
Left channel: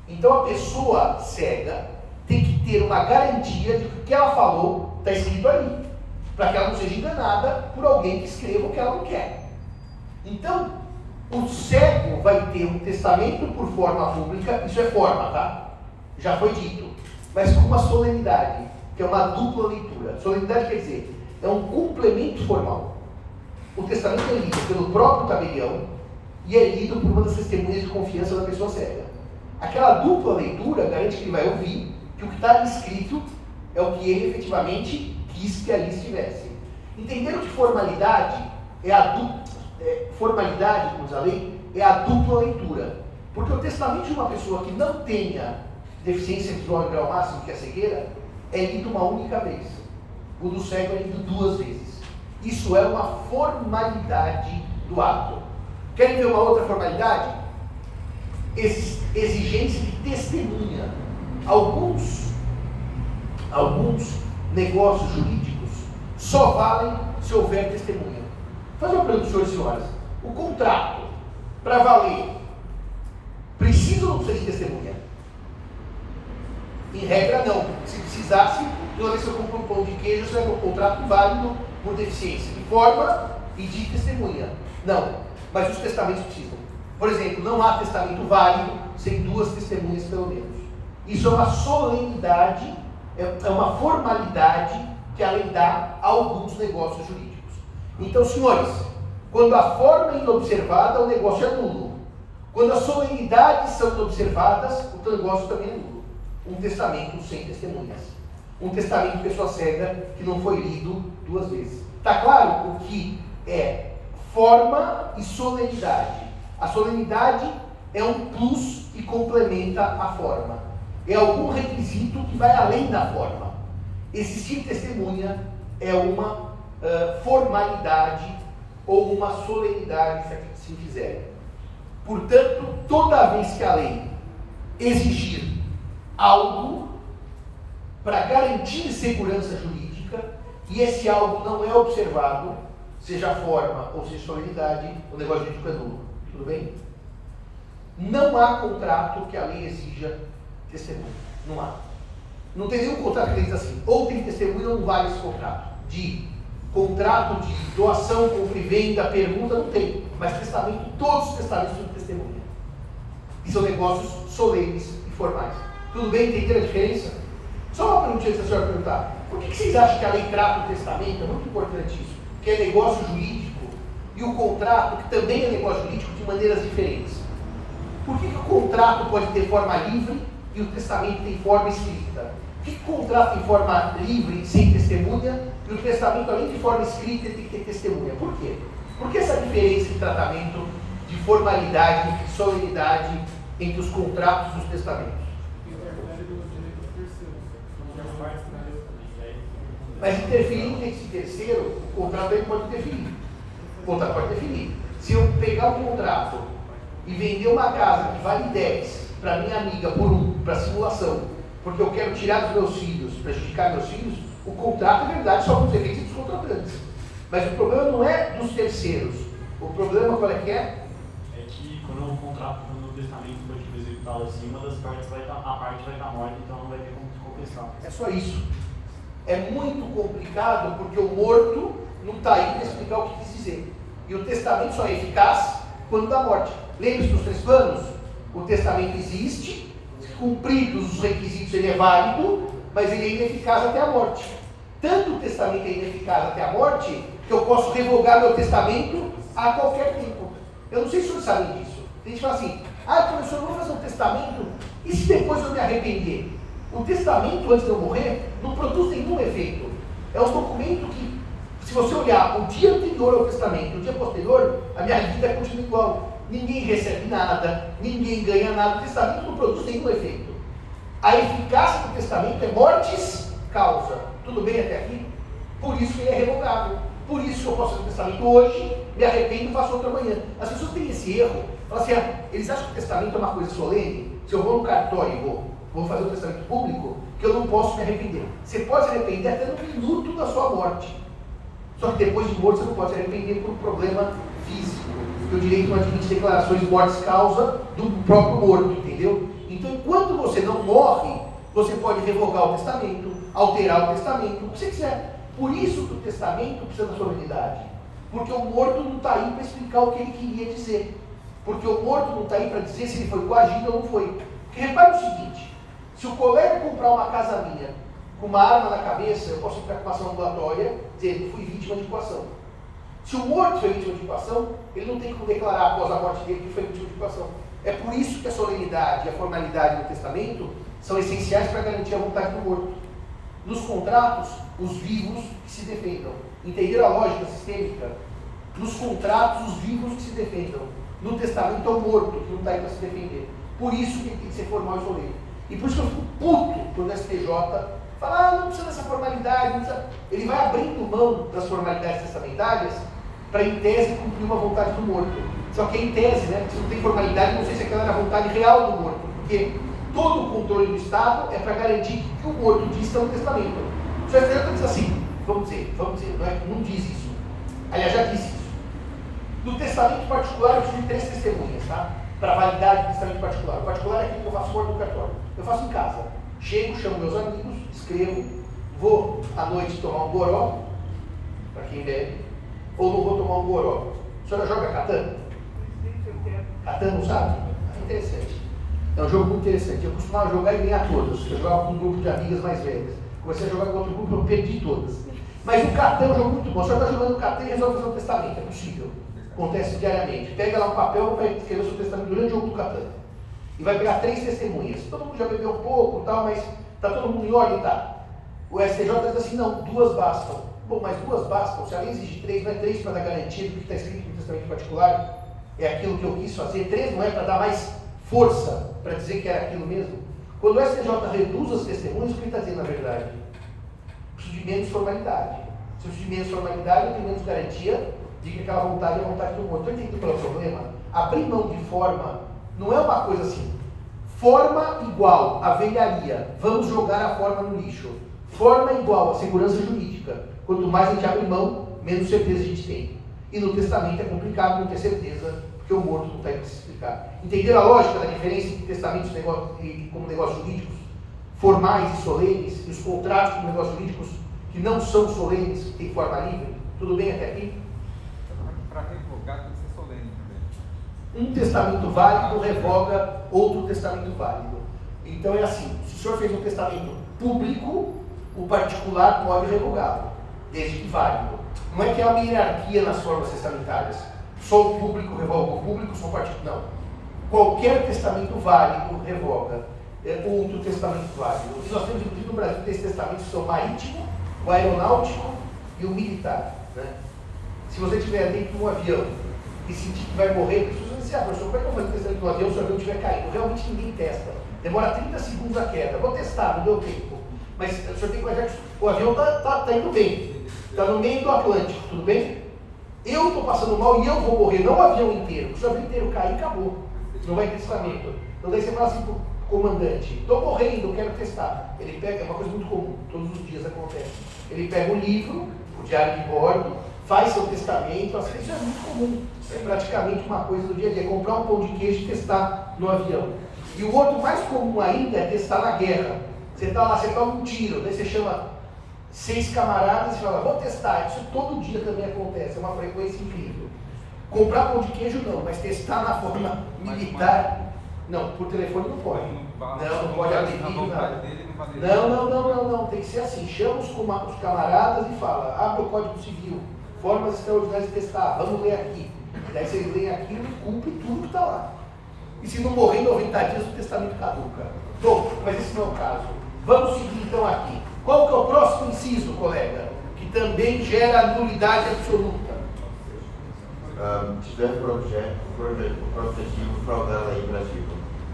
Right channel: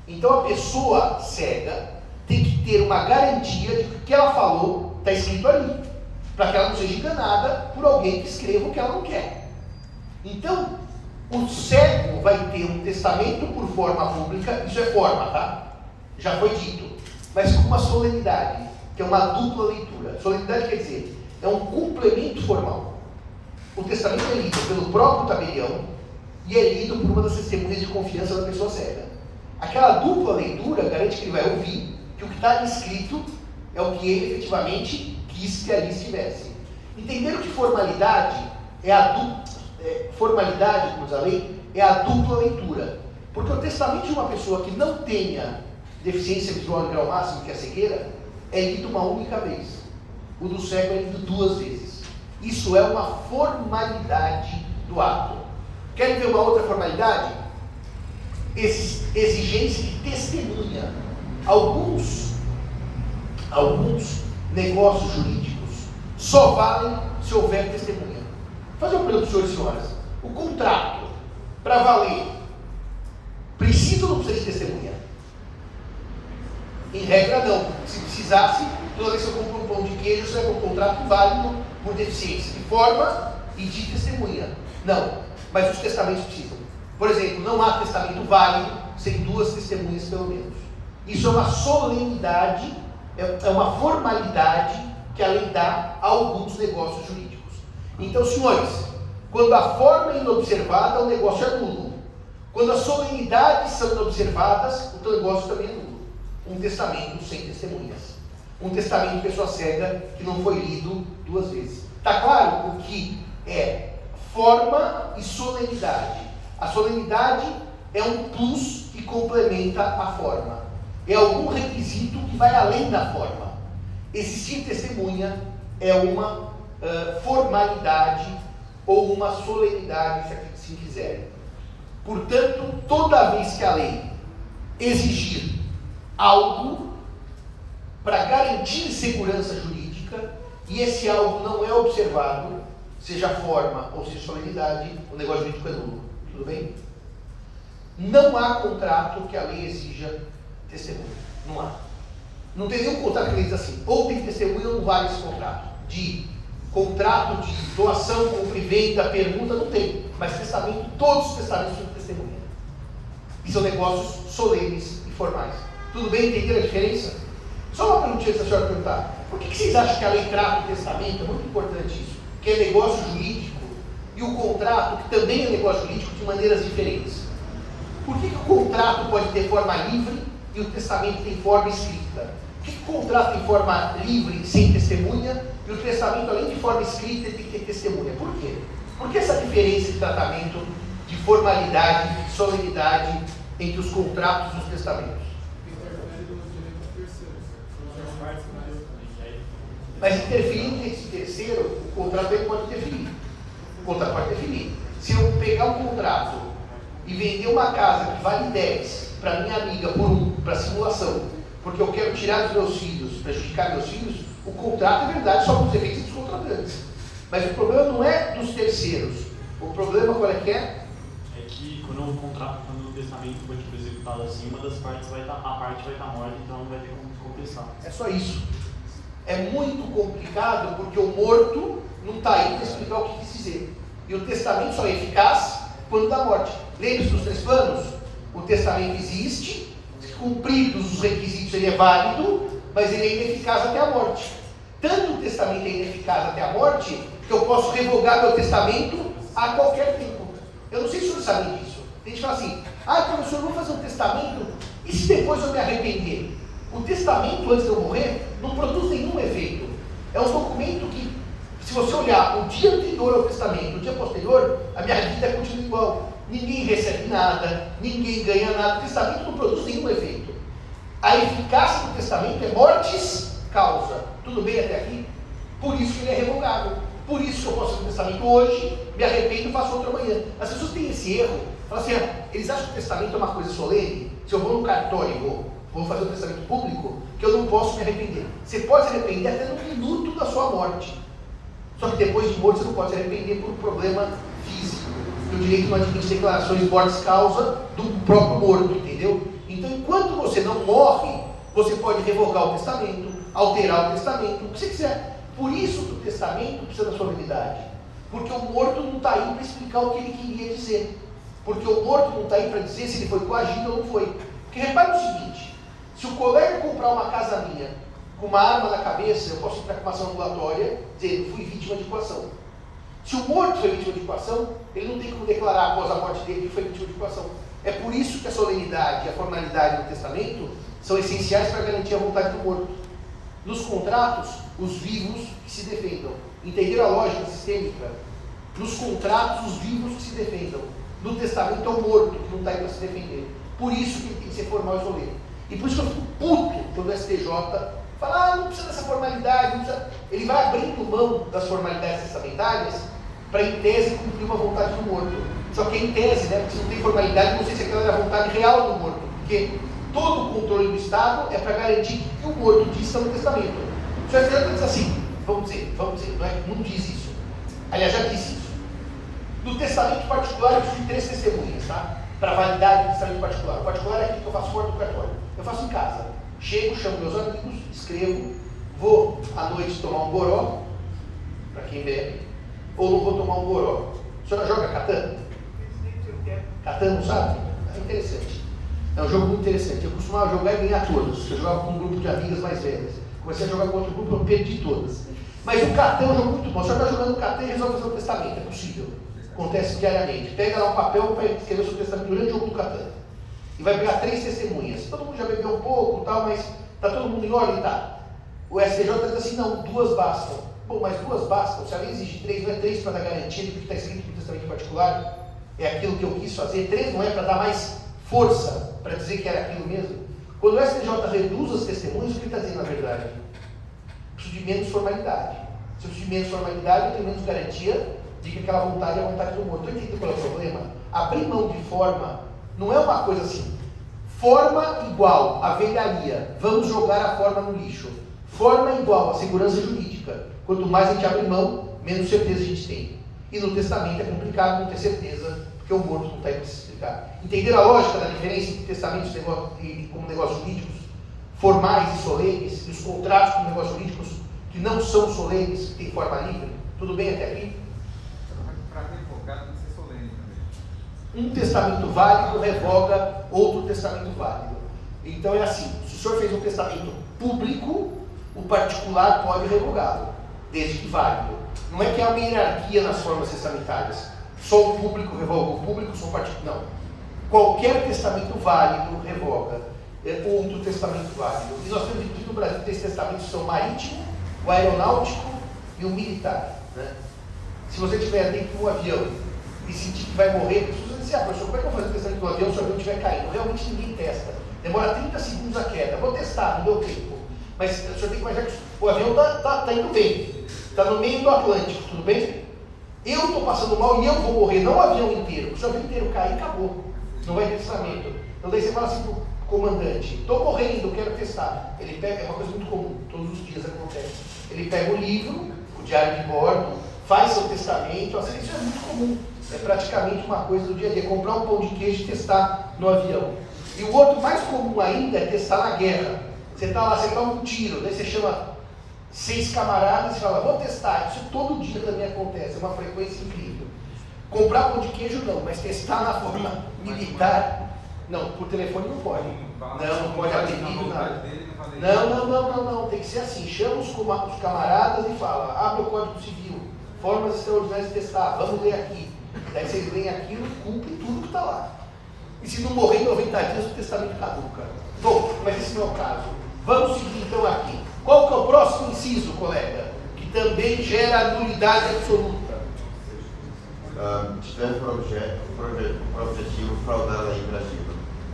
Então, a pessoa cega tem que ter uma garantia de que o que ela falou está escrito ali, para que ela não seja enganada por alguém que escreva o que ela não quer. Então, O cego vai ter um testamento por forma pública, isso é forma, tá? Já foi dito, mas com uma solenidade, que é uma dupla leitura. Solenidade quer dizer, é um complemento formal. O testamento é lido pelo próprio tabelião e é lido por uma das testemunhas de confiança da pessoa cega. Aquela dupla leitura garante que ele vai ouvir que o que está escrito é o que ele efetivamente quis que ali estivesse. Entenderam que formalidade é a formalidade, como diz a lei, é a dupla leitura. Porque o testamento de uma pessoa que não tenha deficiência visual em grau máximo, que é a cegueira, é lido uma única vez. O do cego é lido 2 vezes. Isso é uma formalidade do ato. Querem ver uma outra formalidade? Exigência de testemunha. Alguns negócios jurídicos só valem se houver testemunha. Vou fazer uma pergunta, senhores e senhoras. O contrato, para valer, precisa ou não precisa de testemunha? Em regra, não. Se precisasse, toda vez que eu compro um pão de queijo, você vai ter um contrato válido por deficiência de forma e de testemunha. Não. Mas os testamentos precisam. Por exemplo, não há testamento válido sem 2 testemunhas, pelo menos. Isso é uma solenidade, é uma formalidade que a lei dá a alguns negócios jurídicos. Então, senhores, quando a forma é inobservada, o negócio é nulo. Quando as solenidades são inobservadas, o negócio também é nulo. Um testamento sem testemunhas. Um testamento de pessoa cega que não foi lido 2 vezes. Está claro o que é forma e solenidade? A solenidade é um plus que complementa a forma. É algum requisito que vai além da forma. Existir testemunha é uma formalidade ou uma solenidade, se assim quiserem. Portanto, toda vez que a lei exigir algo para garantir segurança jurídica e esse algo não é observado, seja forma ou seja solenidade, o negócio jurídico é nulo. Tudo bem? Não há contrato que a lei exija testemunha. Não há. Não tem nenhum contrato que ele diz assim, ou tem testemunha ou não vale esse contrato. De contrato de doação, compra e venda, permuta, não tem. Mas testamento, todos os testamentos são testemunha. E são negócios solenes e formais. Tudo bem? Entenderam a diferença? Só uma perguntinha antes da senhora perguntar. Por que vocês acham que a lei trata o testamento? É muito importante isso. Que é negócio jurídico e o contrato, que também é negócio jurídico, de maneiras diferentes. Por que o contrato pode ter forma livre e o testamento tem forma escrita? Por que o contrato tem forma livre, sem testemunha, e o testamento, além de forma escrita, tem que ter testemunha? Por quê? Por que essa diferença de tratamento de formalidade e solenidade entre os contratos e os testamentos? Mas interferindo nesse terceiro, o contrato também pode interferir. O contrato pode interferir. Se eu pegar um contrato e vender uma casa que vale 10 para minha amiga por 1, para simulação, porque eu quero tirar dos meus filhos, prejudicar meus filhos, o contrato é verdade só para os efeitos dos contratantes. Mas o problema não é dos terceiros. O problema qual é que é? É que quando o contrato, quando o testamento foi executado assim, uma das partes vai estar, a parte vai estar morta, então não vai ter como compensar. É só isso. É muito complicado porque o morto não está aí para explicar o que quis dizer. E o testamento só é eficaz quando dá morte. Lembre-se dos 3 planos? O testamento existe, cumpridos os requisitos ele é válido, mas ele é ineficaz até a morte. Tanto o testamento é ineficaz até a morte, que eu posso revogar meu testamento a qualquer tempo. Eu não sei se vocês sabem disso. A gente fala assim, professor, eu vou fazer um testamento, e se depois eu me arrepender? O testamento, antes de eu morrer, não produz nenhum efeito. É um documento que, se você olhar o dia anterior ao testamento, o dia posterior, a minha vida continua igual. Ninguém recebe nada, ninguém ganha nada. O testamento não produz nenhum efeito. A eficácia do testamento é mortis causa. Tudo bem até aqui? Por isso que ele é revogável. Por isso que eu posso fazer um testamento hoje, me arrependo e faço outro amanhã. As pessoas têm esse erro. Falam assim, eles acham que o testamento é uma coisa solene. Se eu vou no cartório e vou fazer um testamento público, que eu não posso me arrepender. Você pode se arrepender até no minuto da sua morte. Só que depois de morto você não pode se arrepender por problema físico. O direito não admite declarações mortis causa do próprio morto, entendeu? Então, enquanto você não morre, você pode revogar o testamento, alterar o testamento, o que você quiser. Por isso que o testamento precisa da solenidade. Porque o morto não está aí para explicar o que ele queria dizer. Porque o morto não está aí para dizer se ele foi coagido ou não foi. Porque repare o seguinte, se o colega comprar uma casa minha com uma arma na cabeça, eu posso entrar com uma ação ambulatória dizendo, fui vítima de coação. Se o morto foi vítima de coação, ele não tem como declarar após a morte dele que foi vítima de coação. É por isso que a solenidade e a formalidade do testamento são essenciais para garantir a vontade do morto. Nos contratos, os vivos que se defendam. Entenderam a lógica sistêmica? Nos contratos, os vivos que se defendam. No testamento é o morto que não está aí para se defender. Por isso que ele tem que ser formal e solene. E por isso que eu fico puto quando o STJ fala, não precisa dessa formalidade, não precisa. Ele vai abrindo mão das formalidades testamentárias para, em tese, cumprir uma vontade do morto. Só que em tese, né? Porque se não tem formalidade, não sei se aquela era a vontade real do morto. Porque todo o controle do Estado é para garantir que o morto diz está no testamento. Se o STJ diz assim, vamos dizer, não diz isso. Aliás, já disse isso. No testamento particular, eu preciso de 3 testemunhas, tá? Para validade do testamento particular. O particular é aquilo que eu faço fora do cartório. Eu faço em casa. Chego, chamo meus amigos, escrevo, vou à noite tomar um goró, para quem bebe, ou não vou tomar um goró. A senhora joga Catan? Catan, não sabe? É interessante. É um jogo muito interessante. Eu costumava jogar e ganhar todas. Eu jogava com um grupo de amigas mais velhas. Comecei a jogar com outro grupo, eu perdi todas. Mas o Catan é um jogo muito bom. A senhora está jogando Catan e resolve fazer um testamento. É possível. Acontece diariamente. Pega lá um papel para escrever o seu testamento durante o jogo do Catan. E vai pegar 3 testemunhas. Todo mundo já bebeu um pouco, tal, mas está todo mundo em ordem, tá? O STJ diz assim, não, 2 bastam. Bom, mas 2 bastam. Se a lei exige 3, não é 3 para dar garantia do que está escrito no testamento particular? É aquilo que eu quis fazer. 3 não é para dar mais força, para dizer que era aquilo mesmo? Quando o STJ reduz as testemunhas, o que ele está dizendo na verdade? Preciso de menos formalidade. Se eu preciso de menos formalidade, eu tenho menos garantia de que aquela vontade é a vontade do morto. Então, entende qual é o problema? Abrir mão de forma não é uma coisa assim. Forma igual a velharia. Vamos jogar a forma no lixo. Forma igual a segurança jurídica. Quanto mais a gente abre mão, menos certeza a gente tem. E no testamento é complicado não ter certeza, porque o morto não está aí para se explicar. Entenderam a lógica da diferença entre testamentos como negócios jurídicos formais e solenes, e os contratos como negócios jurídicos que não são solenes em forma livre? Tudo bem até aqui? Para revogar tem que ser solene também. Um testamento válido revoga outro testamento válido. Então é assim, se o senhor fez um testamento público, o particular pode revogá-lo, desde que válido. Não é que há uma hierarquia nas formas testamentárias. Só o público revoga o público, só o particular. Não. Qualquer testamento válido revoga outro testamento válido. E nós temos, inclusive, no Brasil, 3 testamentos que são o marítimo, o aeronáutico e o militar. Né? Se você estiver dentro de um avião e sentir que vai morrer, as pessoas vão dizer, professor, como é que eu vou fazer o testamento do avião se o avião estiver caindo? Realmente ninguém testa. Demora 30 segundos a queda. Vou testar, não deu tempo. Mas o senhor tem que imaginar que o avião está indo bem. Está no meio do Atlântico, tudo bem? Eu estou passando mal e eu vou morrer, não o avião inteiro. Porque se o avião inteiro cair, acabou. Não vai ter testamento. Então daí você fala assim pro comandante, estou morrendo, quero testar. Ele pega, é uma coisa muito comum, todos os dias acontece. Ele pega o livro, o diário de bordo, faz seu testamento, assim, isso é muito comum. É praticamente uma coisa do dia a dia. Comprar um pão de queijo e testar no avião. E o outro mais comum ainda é testar na guerra. Você está lá, você toma um tiro, daí você chama 6 camaradas e fala, vamos testar. Isso todo dia também acontece, é uma frequência incrível. Comprar pão de queijo não, mas testar na forma militar, não, por telefone não pode. Não pode abrir vídeo, nada. Não, tem que ser assim, chama os camaradas e fala, abre o Código Civil, formas extraordinárias de testar, vamos ler aqui. Daí vocês leem aquilo e cumprem tudo que está lá. E se não morrer em 90 dias, o testamento caduca. Bom, mas esse não é o caso. Vamos seguir então aqui. Qual que é o próximo inciso, colega? Que também gera nulidade absoluta. Tiver por objetivo fraudar a lei Brasil.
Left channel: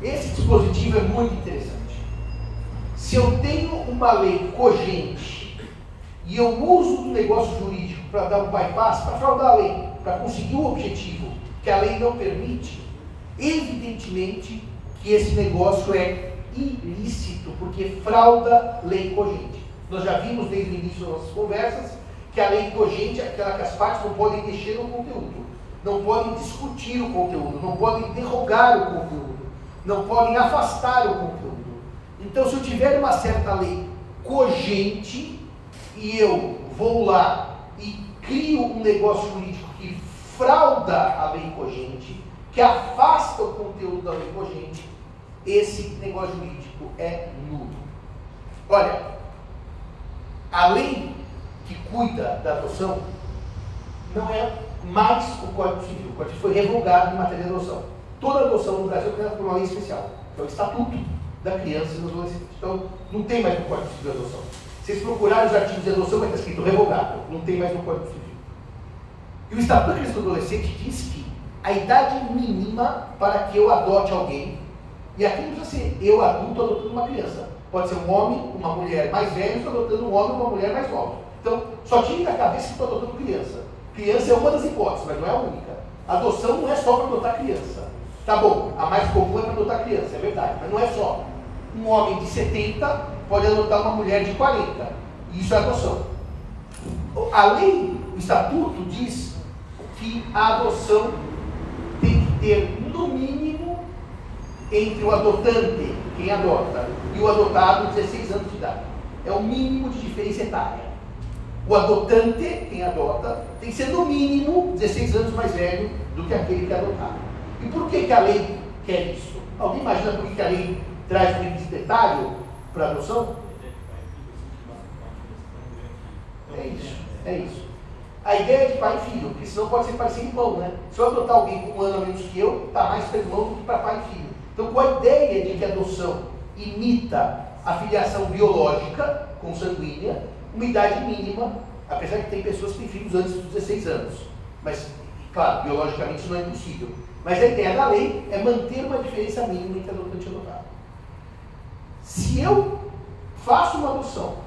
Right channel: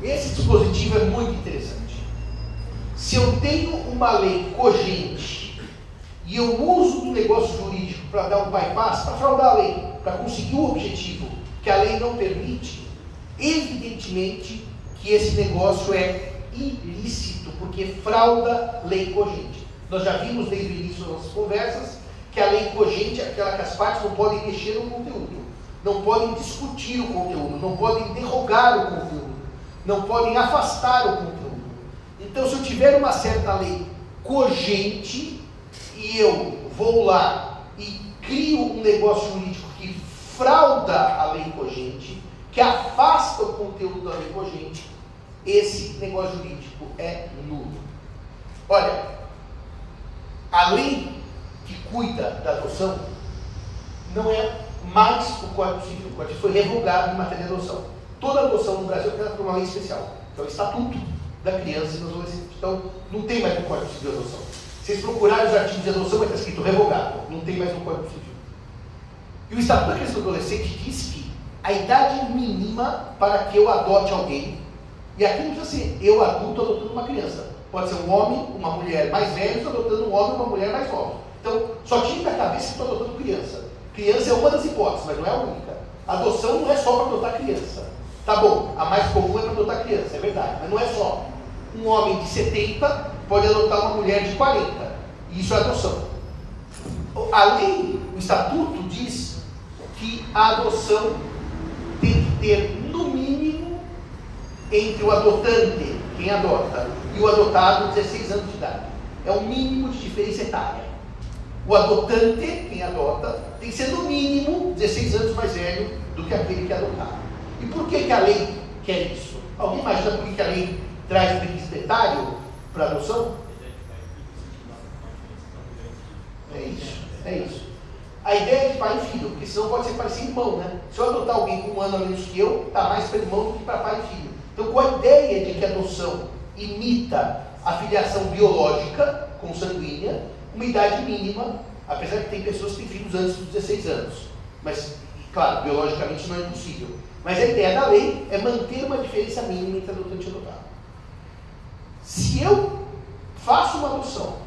Esse dispositivo é muito interessante. Se eu tenho uma lei cogente e eu uso um negócio jurídico para dar um bypass, para fraudar a lei, para conseguir o objetivo que a lei não permite, evidentemente que esse negócio é ilícito, porque frauda lei cogente. Nós já vimos desde o início das nossas conversas que a lei cogente é aquela que as partes não podem mexer no conteúdo, não podem discutir o conteúdo, não podem derrogar o conteúdo, não podem afastar o conteúdo. Então, se eu tiver uma certa lei cogente e eu vou lá e crio um negócio jurídico que frauda a lei cogente, que afasta o conteúdo da lei cogente, esse negócio jurídico é nulo. Olha, a lei que cuida da adoção não é mais o Código Civil. O Código Civil foi revogado em matéria de adoção. Toda adoção no Brasil é criada por uma lei especial, que é o Estatuto da Criança e do Adolescente. Então, não tem mais no Código Civil de adoção. Se vocês procurarem os artigos de adoção, vai estar escrito revogado. Não tem mais no Código Civil. E o Estatuto da Criança e do Adolescente diz que a idade mínima para que eu adote alguém, e aqui não precisa ser eu adulto adotando uma criança. Pode ser um homem, uma mulher mais velho adotando um homem, uma mulher mais nova. Então, só tire da cabeça que estou adotando criança. Criança é uma das hipóteses, mas não é a única. Adoção não é só para adotar criança. Tá bom, a mais comum é para adotar criança, é verdade, mas não é só. Um homem de 70 pode adotar uma mulher de 40. E isso é adoção. A lei, o Estatuto diz que a adoção tem que ter, no mínimo, entre o adotante, quem adota, e o adotado, 16 anos de idade. É o mínimo de diferença etária. O adotante, quem adota, tem que ser no mínimo 16 anos mais velho do que aquele que é adotado. E por que a lei quer isso? Alguém imagina por que a lei traz um requisito etário para a adoção? É isso. A ideia é de pai e filho, porque senão pode ser pai sem irmão, né? Se eu adotar alguém com um ano a menos que eu, está mais para irmão do que para pai e filho. Então, com a ideia de que a adoção imita a filiação biológica, consanguínea, uma idade mínima, apesar que tem pessoas que têm filhos antes dos 16 anos. Mas, claro, biologicamente isso não é impossível. Mas a ideia da lei é manter uma diferença mínima entre adotante e adotado. Se eu faço uma adoção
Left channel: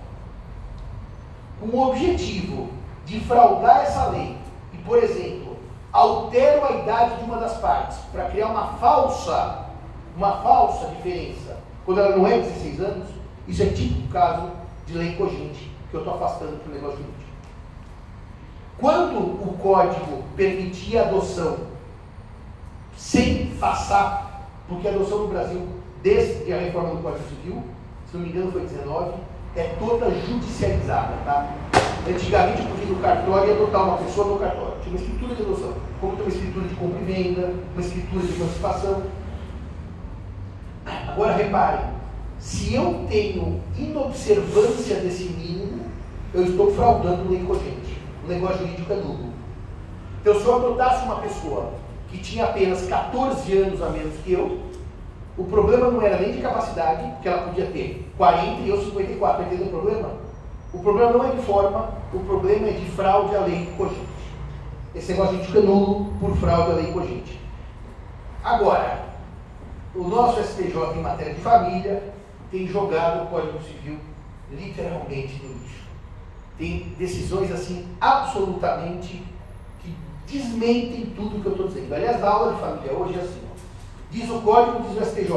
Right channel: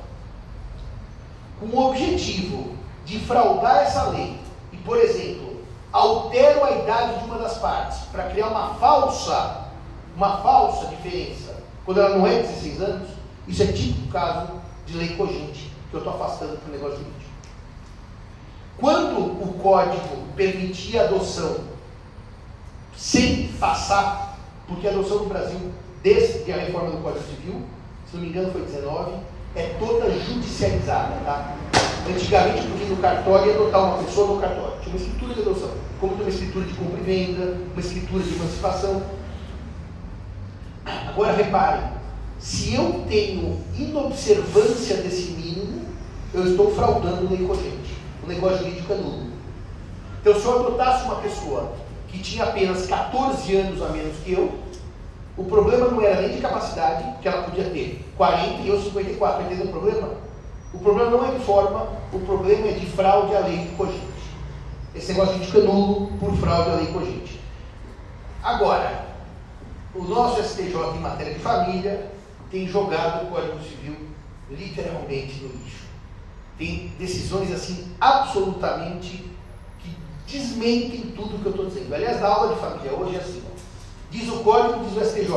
com o objetivo de fraudar essa lei e, por exemplo, altero a idade de uma das partes para criar uma falsa diferença, quando ela não é 16 anos, isso é típico caso de lei cogente, que eu estou afastando para o negócio jurídico. Quando o Código permitia a adoção sem passar, porque a adoção no Brasil, desde a reforma do Código Civil, se não me engano foi 19, é toda judicializada, tá? Antigamente, porque no cartório ia adotar uma pessoa no cartório, tinha uma escritura de adoção, como tem uma escritura de compra e venda, uma escritura de emancipação. Agora reparem, se eu tenho inobservância desse mínimo, eu estou fraudando lei cogente. O negócio jurídico é nulo. Então, se eu adotasse uma pessoa que tinha apenas 14 anos a menos que eu, o problema não era nem de capacidade, que ela podia ter 40 e eu 54, entendeu o problema? O problema não é de forma, o problema é de fraude à lei cogente. Esse negócio jurídico é nulo por fraude à lei cogente. Agora, o nosso STJ em matéria de família tem jogado o Código Civil literalmente no lixo. Tem decisões assim absolutamente que desmentem tudo que eu estou dizendo. Aliás, na aula de família hoje é assim, ó. Diz o Código, diz o STJ.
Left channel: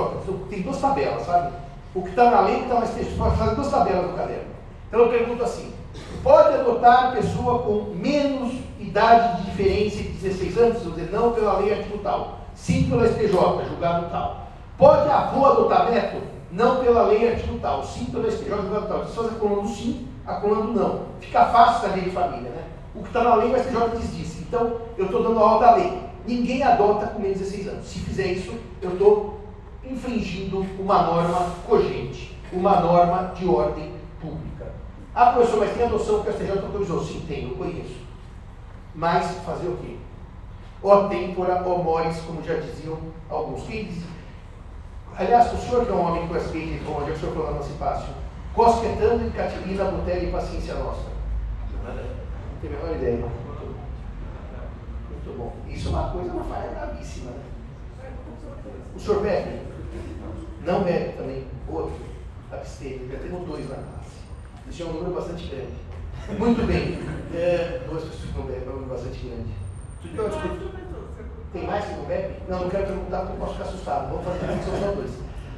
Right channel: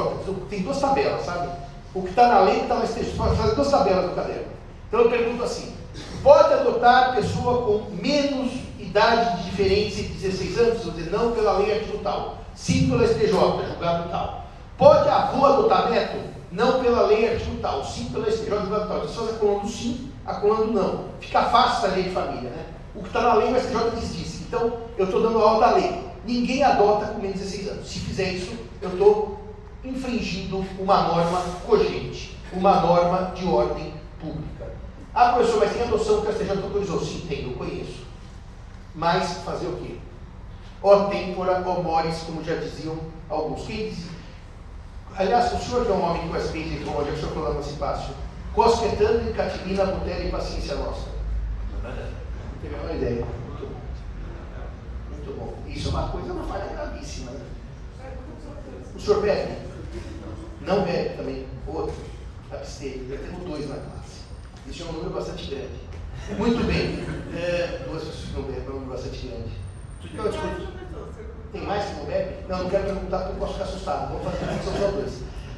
Tem duas tabelas, sabe? O que está na lei está no STJ. Pode fazer duas tabelas no caderno. Então eu pergunto assim: pode adotar pessoa com menos idade de diferença de 16 anos? Eu vou dizer não pela lei artigo tal. Sim pela STJ, julgado tal. Pode avô adotar neto? Não pela lei artigo tal. Sim pela STJ, julgado tal. Se faz acolando sim, acolando não. Fica fácil essa lei de família, né? O que está na lei, o STJ diz disso. Então, eu estou dando aula da lei. Ninguém adota com menos de 16 anos. Se fizer isso, eu estou infringindo uma norma cogente, uma norma de ordem pública. Ah, professor, mas tem adoção que o STJ autorizou? Sim, tem, eu conheço. Mas fazer o quê? Ó tempora, ó mores, como já diziam alguns. Quem dizia? Aliás, o senhor que é um homem com SPI, onde é que o senhor falou no Cipácio? Cosquetando e catilina, botella e paciência nossa. Não teve a menor ideia. Muito bom. Isso é uma coisa, uma falha gravíssima. Né? O senhor bebe? Não bebe também. Outro. Abstêmio. Já temos dois na classe. Isso é um número bastante grande. Muito bem. Duas pessoas que não bebem, é um número bastante grande. Tem mais que não bebe? Não quero perguntar porque eu posso ficar assustado. Vamos fazer a são só dois.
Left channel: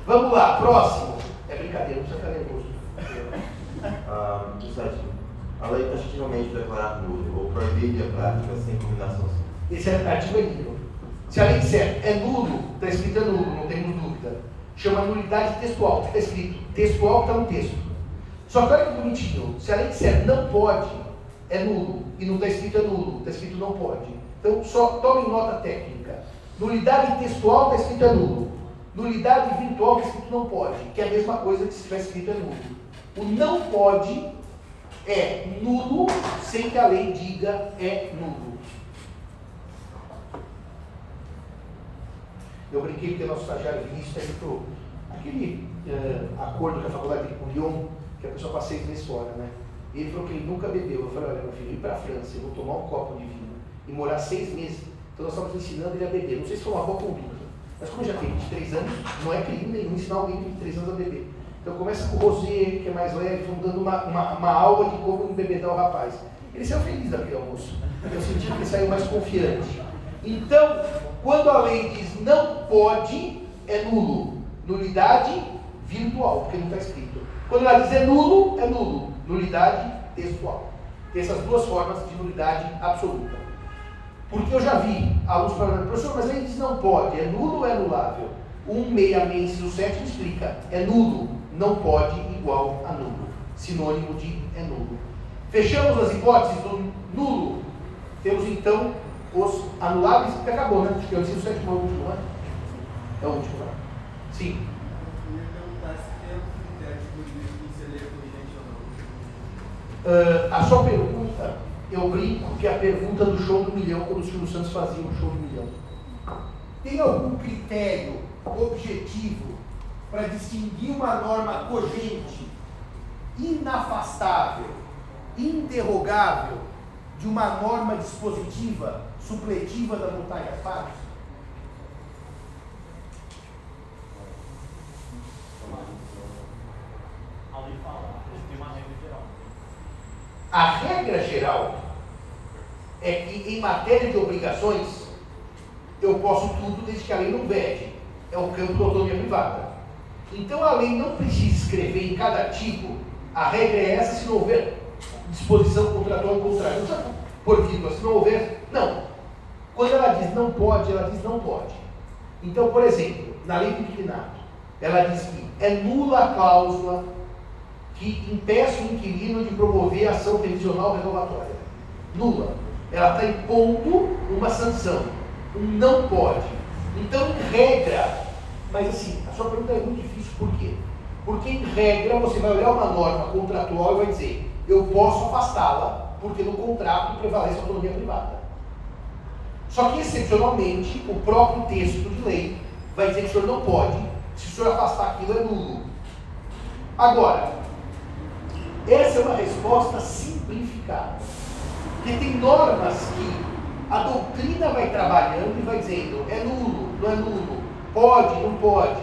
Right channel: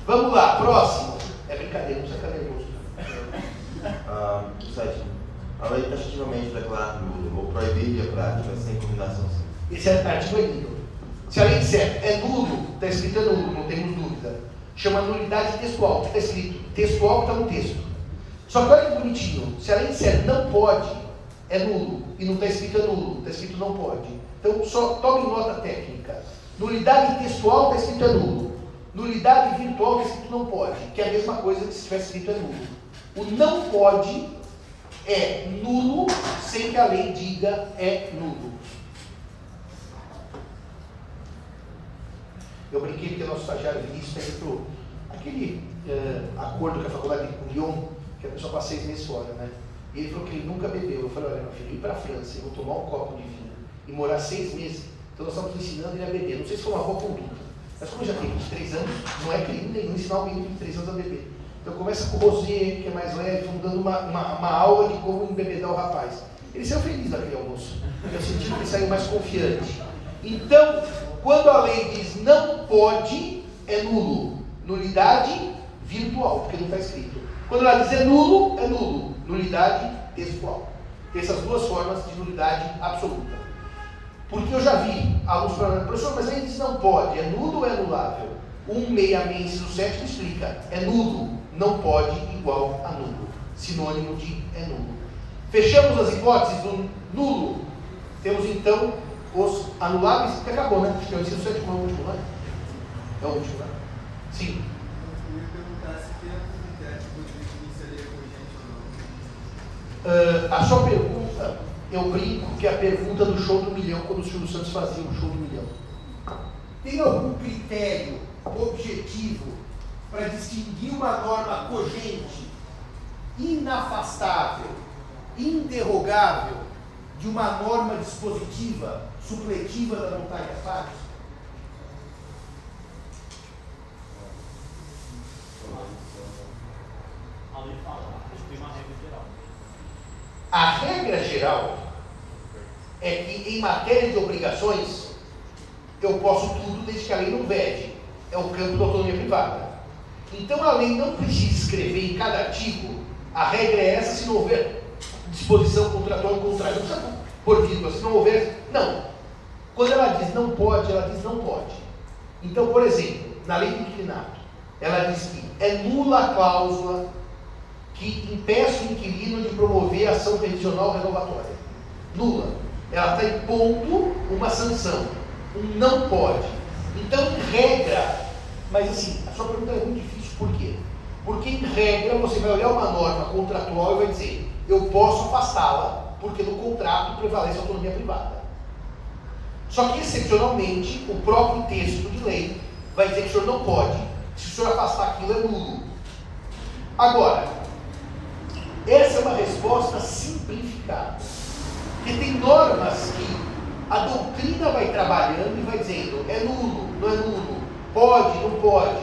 Vamos lá, próximo. É brincadeira, não precisa ficar nervoso. O sétimo. A lei taxativamente declarar nulo ou proibir a prática sem combinação sim. Esse artigo é nulo. Se a lei disser é nulo, está escrito é nulo, não temos dúvida. Chama nulidade textual, que está escrito textual que está no texto. Só que olha que bonitinho. Se a lei disser não pode, é nulo. E não está escrito é nulo, está escrito não pode. Então, só tome nota técnica. Nulidade textual está escrito é nulo. Nulidade virtual está escrito não pode, que é a mesma coisa que se tivesse escrito é nulo. O não pode é nulo sem que a lei diga é nulo. Eu brinquei porque o nosso estagiário Vinícius está indo para aquele acordo com a faculdade de Lyon, que a pessoa passa 6 meses fora, né? E ele falou que ele nunca bebeu. Eu falei, olha, meu filho, ir para a França, eu vou tomar um copo de vinho e morar 6 meses, então nós estamos ensinando ele a beber. Não sei se foi uma boa conduta, mas como eu já tenho 23 anos, não é crime nenhum ensinar alguém de 23 anos a beber. Então começa com o rosé, que é mais leve, vamos dando uma aula de como embebedar o rapaz. Ele saiu feliz daquele almoço, eu senti que ele saiu mais confiante. Então, quando a lei diz não pode, é nulo. Nulidade virtual, porque não está escrito. Quando ela diz é nulo. Nulidade textual. Tem essas duas formas de nulidade absoluta. Porque eu já vi alunos falando, professor, mas a lei diz não pode, é nulo ou é anulável? 166, inciso 7 me explica, é nulo, não pode igual a nulo. Sinônimo de é nulo. Fechamos as hipóteses do nulo. Temos então os anuláveis, que acabou, né? Acho que é o inciso 7, não é o último, né? É o último, né? Sim. Eu ia perguntar se tem algum interativo de inserir vigente ou não. A sua pergunta, eu brinco que é a pergunta do show do milhão, quando o Silvio Santos fazia o show do milhão. Tem algum critério objetivo para distinguir uma norma cogente, inafastável, interrogável, de uma norma dispositiva, supletiva da montaria fácil? Ali fala, acho que tem uma regra geral. A regra geral é que em matéria de obrigações eu posso tudo desde que a lei não vede. É o campo da autonomia privada. Então a lei não precisa escrever em cada artigo, a regra é essa se não houver disposição contratual em contrário. Não precisa por vírgula, se não houver. Não. Quando ela diz não pode, ela diz não pode. Então, por exemplo, na lei do inquilinato, ela diz que é nula a cláusula que impeça o inquilino de promover ação revisional renovatória. Nula. Ela está impondo uma sanção. Um não pode. Então, em regra, mas assim, a sua pergunta é muito difícil, por quê? Porque em regra você vai olhar uma norma contratual e vai dizer, eu posso afastá-la, porque no contrato prevalece a autonomia privada. Só que, excepcionalmente, o próprio texto de lei vai dizer que o senhor não pode, se o senhor afastar aquilo é nulo. Agora, essa é uma resposta simplificada. Porque tem normas que a doutrina vai trabalhando e vai dizendo, é nulo, não é nulo, pode, não pode,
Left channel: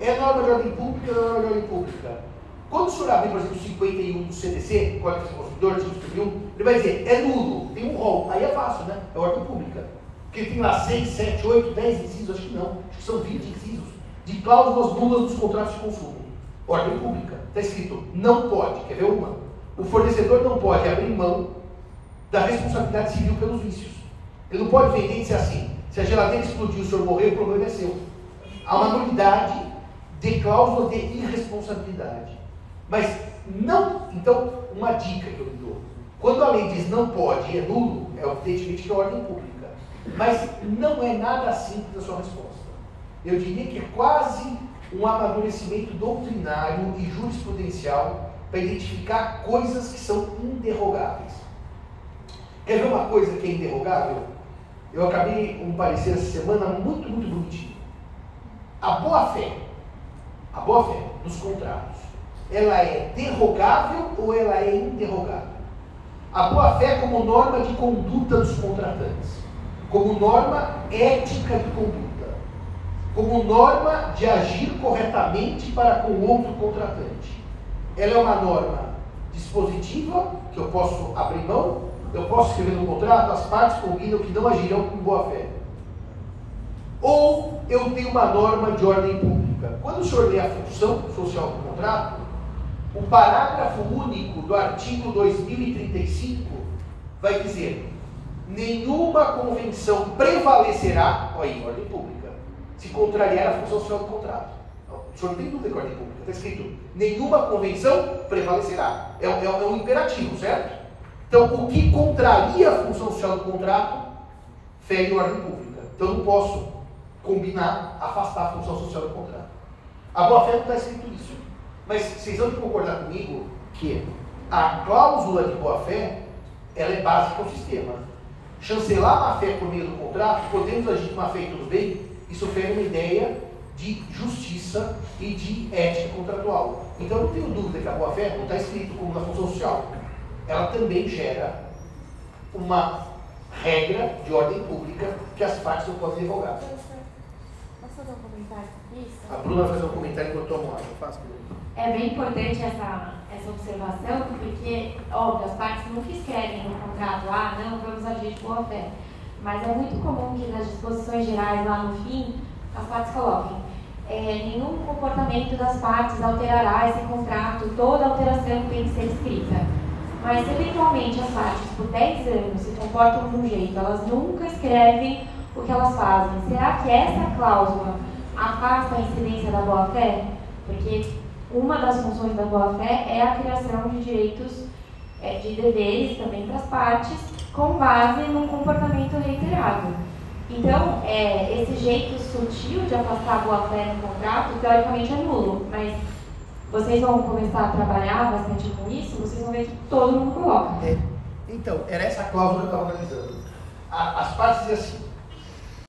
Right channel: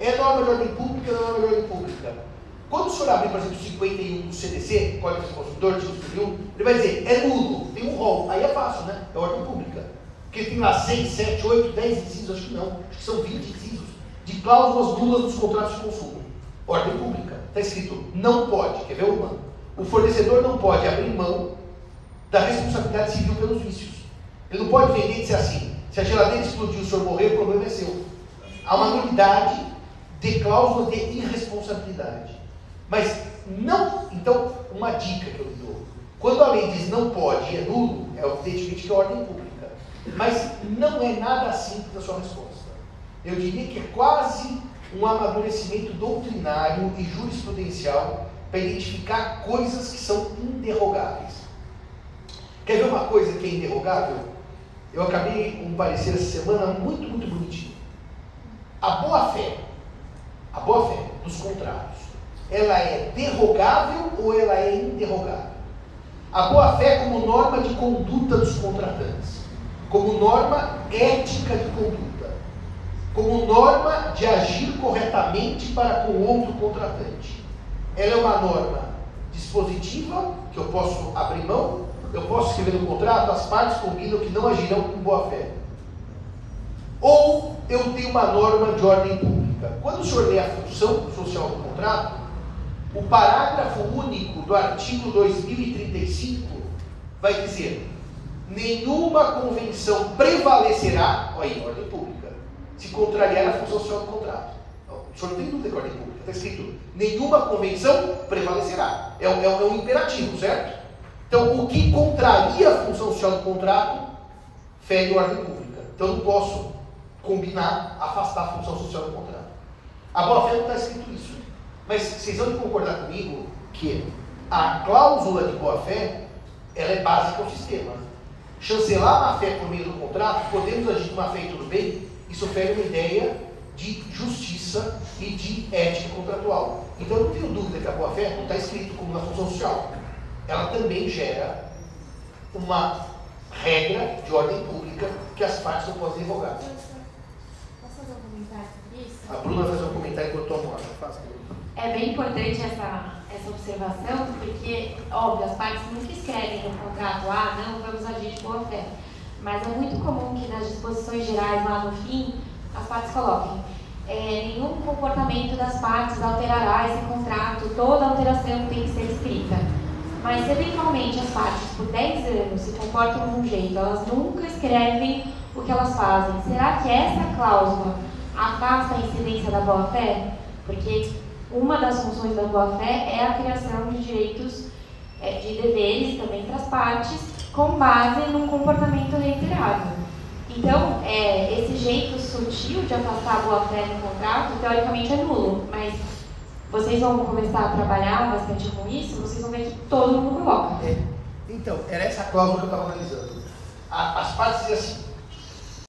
é norma de ordem pública, não é norma de ordem pública. Quando o senhor abrir, por exemplo, o 51 do CDC, Código do Consumidor, ele vai dizer, é nulo, tem um rol, aí é fácil, né? É ordem pública. Porque tem lá 6, 7, 8, 10 incisos, acho que não, acho que são 20 incisos, de cláusulas nulas dos contratos de consumo. Ordem pública. Está escrito, não pode, quer ver uma? O fornecedor não pode abrir mão da responsabilidade civil pelos vícios. Ele não pode vender e dizer assim, se a geladeira explodir e o senhor morrer, o problema é seu. Há uma nulidade de cláusula de irresponsabilidade. Mas não, então, uma dica que eu lhe dou. Quando a lei diz não pode e é nulo, é evidentemente que é ordem pública. Mas não é nada simples a sua resposta. Eu diria que é quase um amadurecimento doutrinário e jurisprudencial para identificar coisas que são inderrogáveis. Quer ver uma coisa que é inderrogável? Eu acabei um parecer essa semana muito, muito bonitinho. A boa-fé nos contratos, ela é derrogável ou ela é inderrogável? A boa-fé como norma de conduta dos contratantes, como norma ética de conduta, como norma de agir corretamente para com outro contratante. Ela é uma norma dispositiva, que eu posso abrir mão, eu posso escrever no contrato, as partes combinam que não agirão com boa-fé. Ou eu tenho uma norma de ordem pública. Quando o senhor lê a função social do contrato, o parágrafo único do artigo 2035 vai dizer: nenhuma convenção prevalecerá, olha aí, ordem pública, se contrariar a função social do contrato. O senhor não tem dúvida com a ordem pública, está escrito: nenhuma convenção prevalecerá. É um imperativo, certo? Então, o que contraria a função social do contrato fere a ordem pública. Então, eu não posso combinar, afastar a função social do contrato. A boa-fé não está escrito isso. Mas vocês vão concordar comigo que a cláusula de boa-fé, ela é básica ao sistema. Chancelar a má-fé por meio do contrato, podemos agir de má-fé e tudo bem, isso fere uma ideia de justiça e de ética contratual. Então eu não tenho dúvida que a boa-fé não está escrito como na função social. Ela também gera uma regra de ordem pública que as partes não podem revogar. Posso fazer um comentário sobre isso? A Bruna vai fazer um comentário enquanto eu tomo água. Faça, Bruna. É bem importante essa observação, porque, óbvio, as partes nunca escrevem no contrato, não, vamos agir de boa fé. Mas é muito comum que nas disposições gerais, lá no fim, as partes coloquem nenhum comportamento das partes alterará esse contrato, toda alteração tem que ser escrita. Mas, se eventualmente as partes, por 10 anos, se comportam de um jeito, elas nunca escrevem o que elas fazem. Será que essa cláusula afasta a incidência da boa-fé? Porque uma das funções da boa-fé é a criação de direitos, de deveres também para as partes, com base num comportamento reiterado. Então, esse jeito sutil de afastar a boa-fé no contrato, teoricamente é nulo, mas vocês vão começar a trabalhar bastante com isso, vocês vão ver que todo mundo coloca. Então, era essa cláusula que eu estava analisando. As partes dizem assim,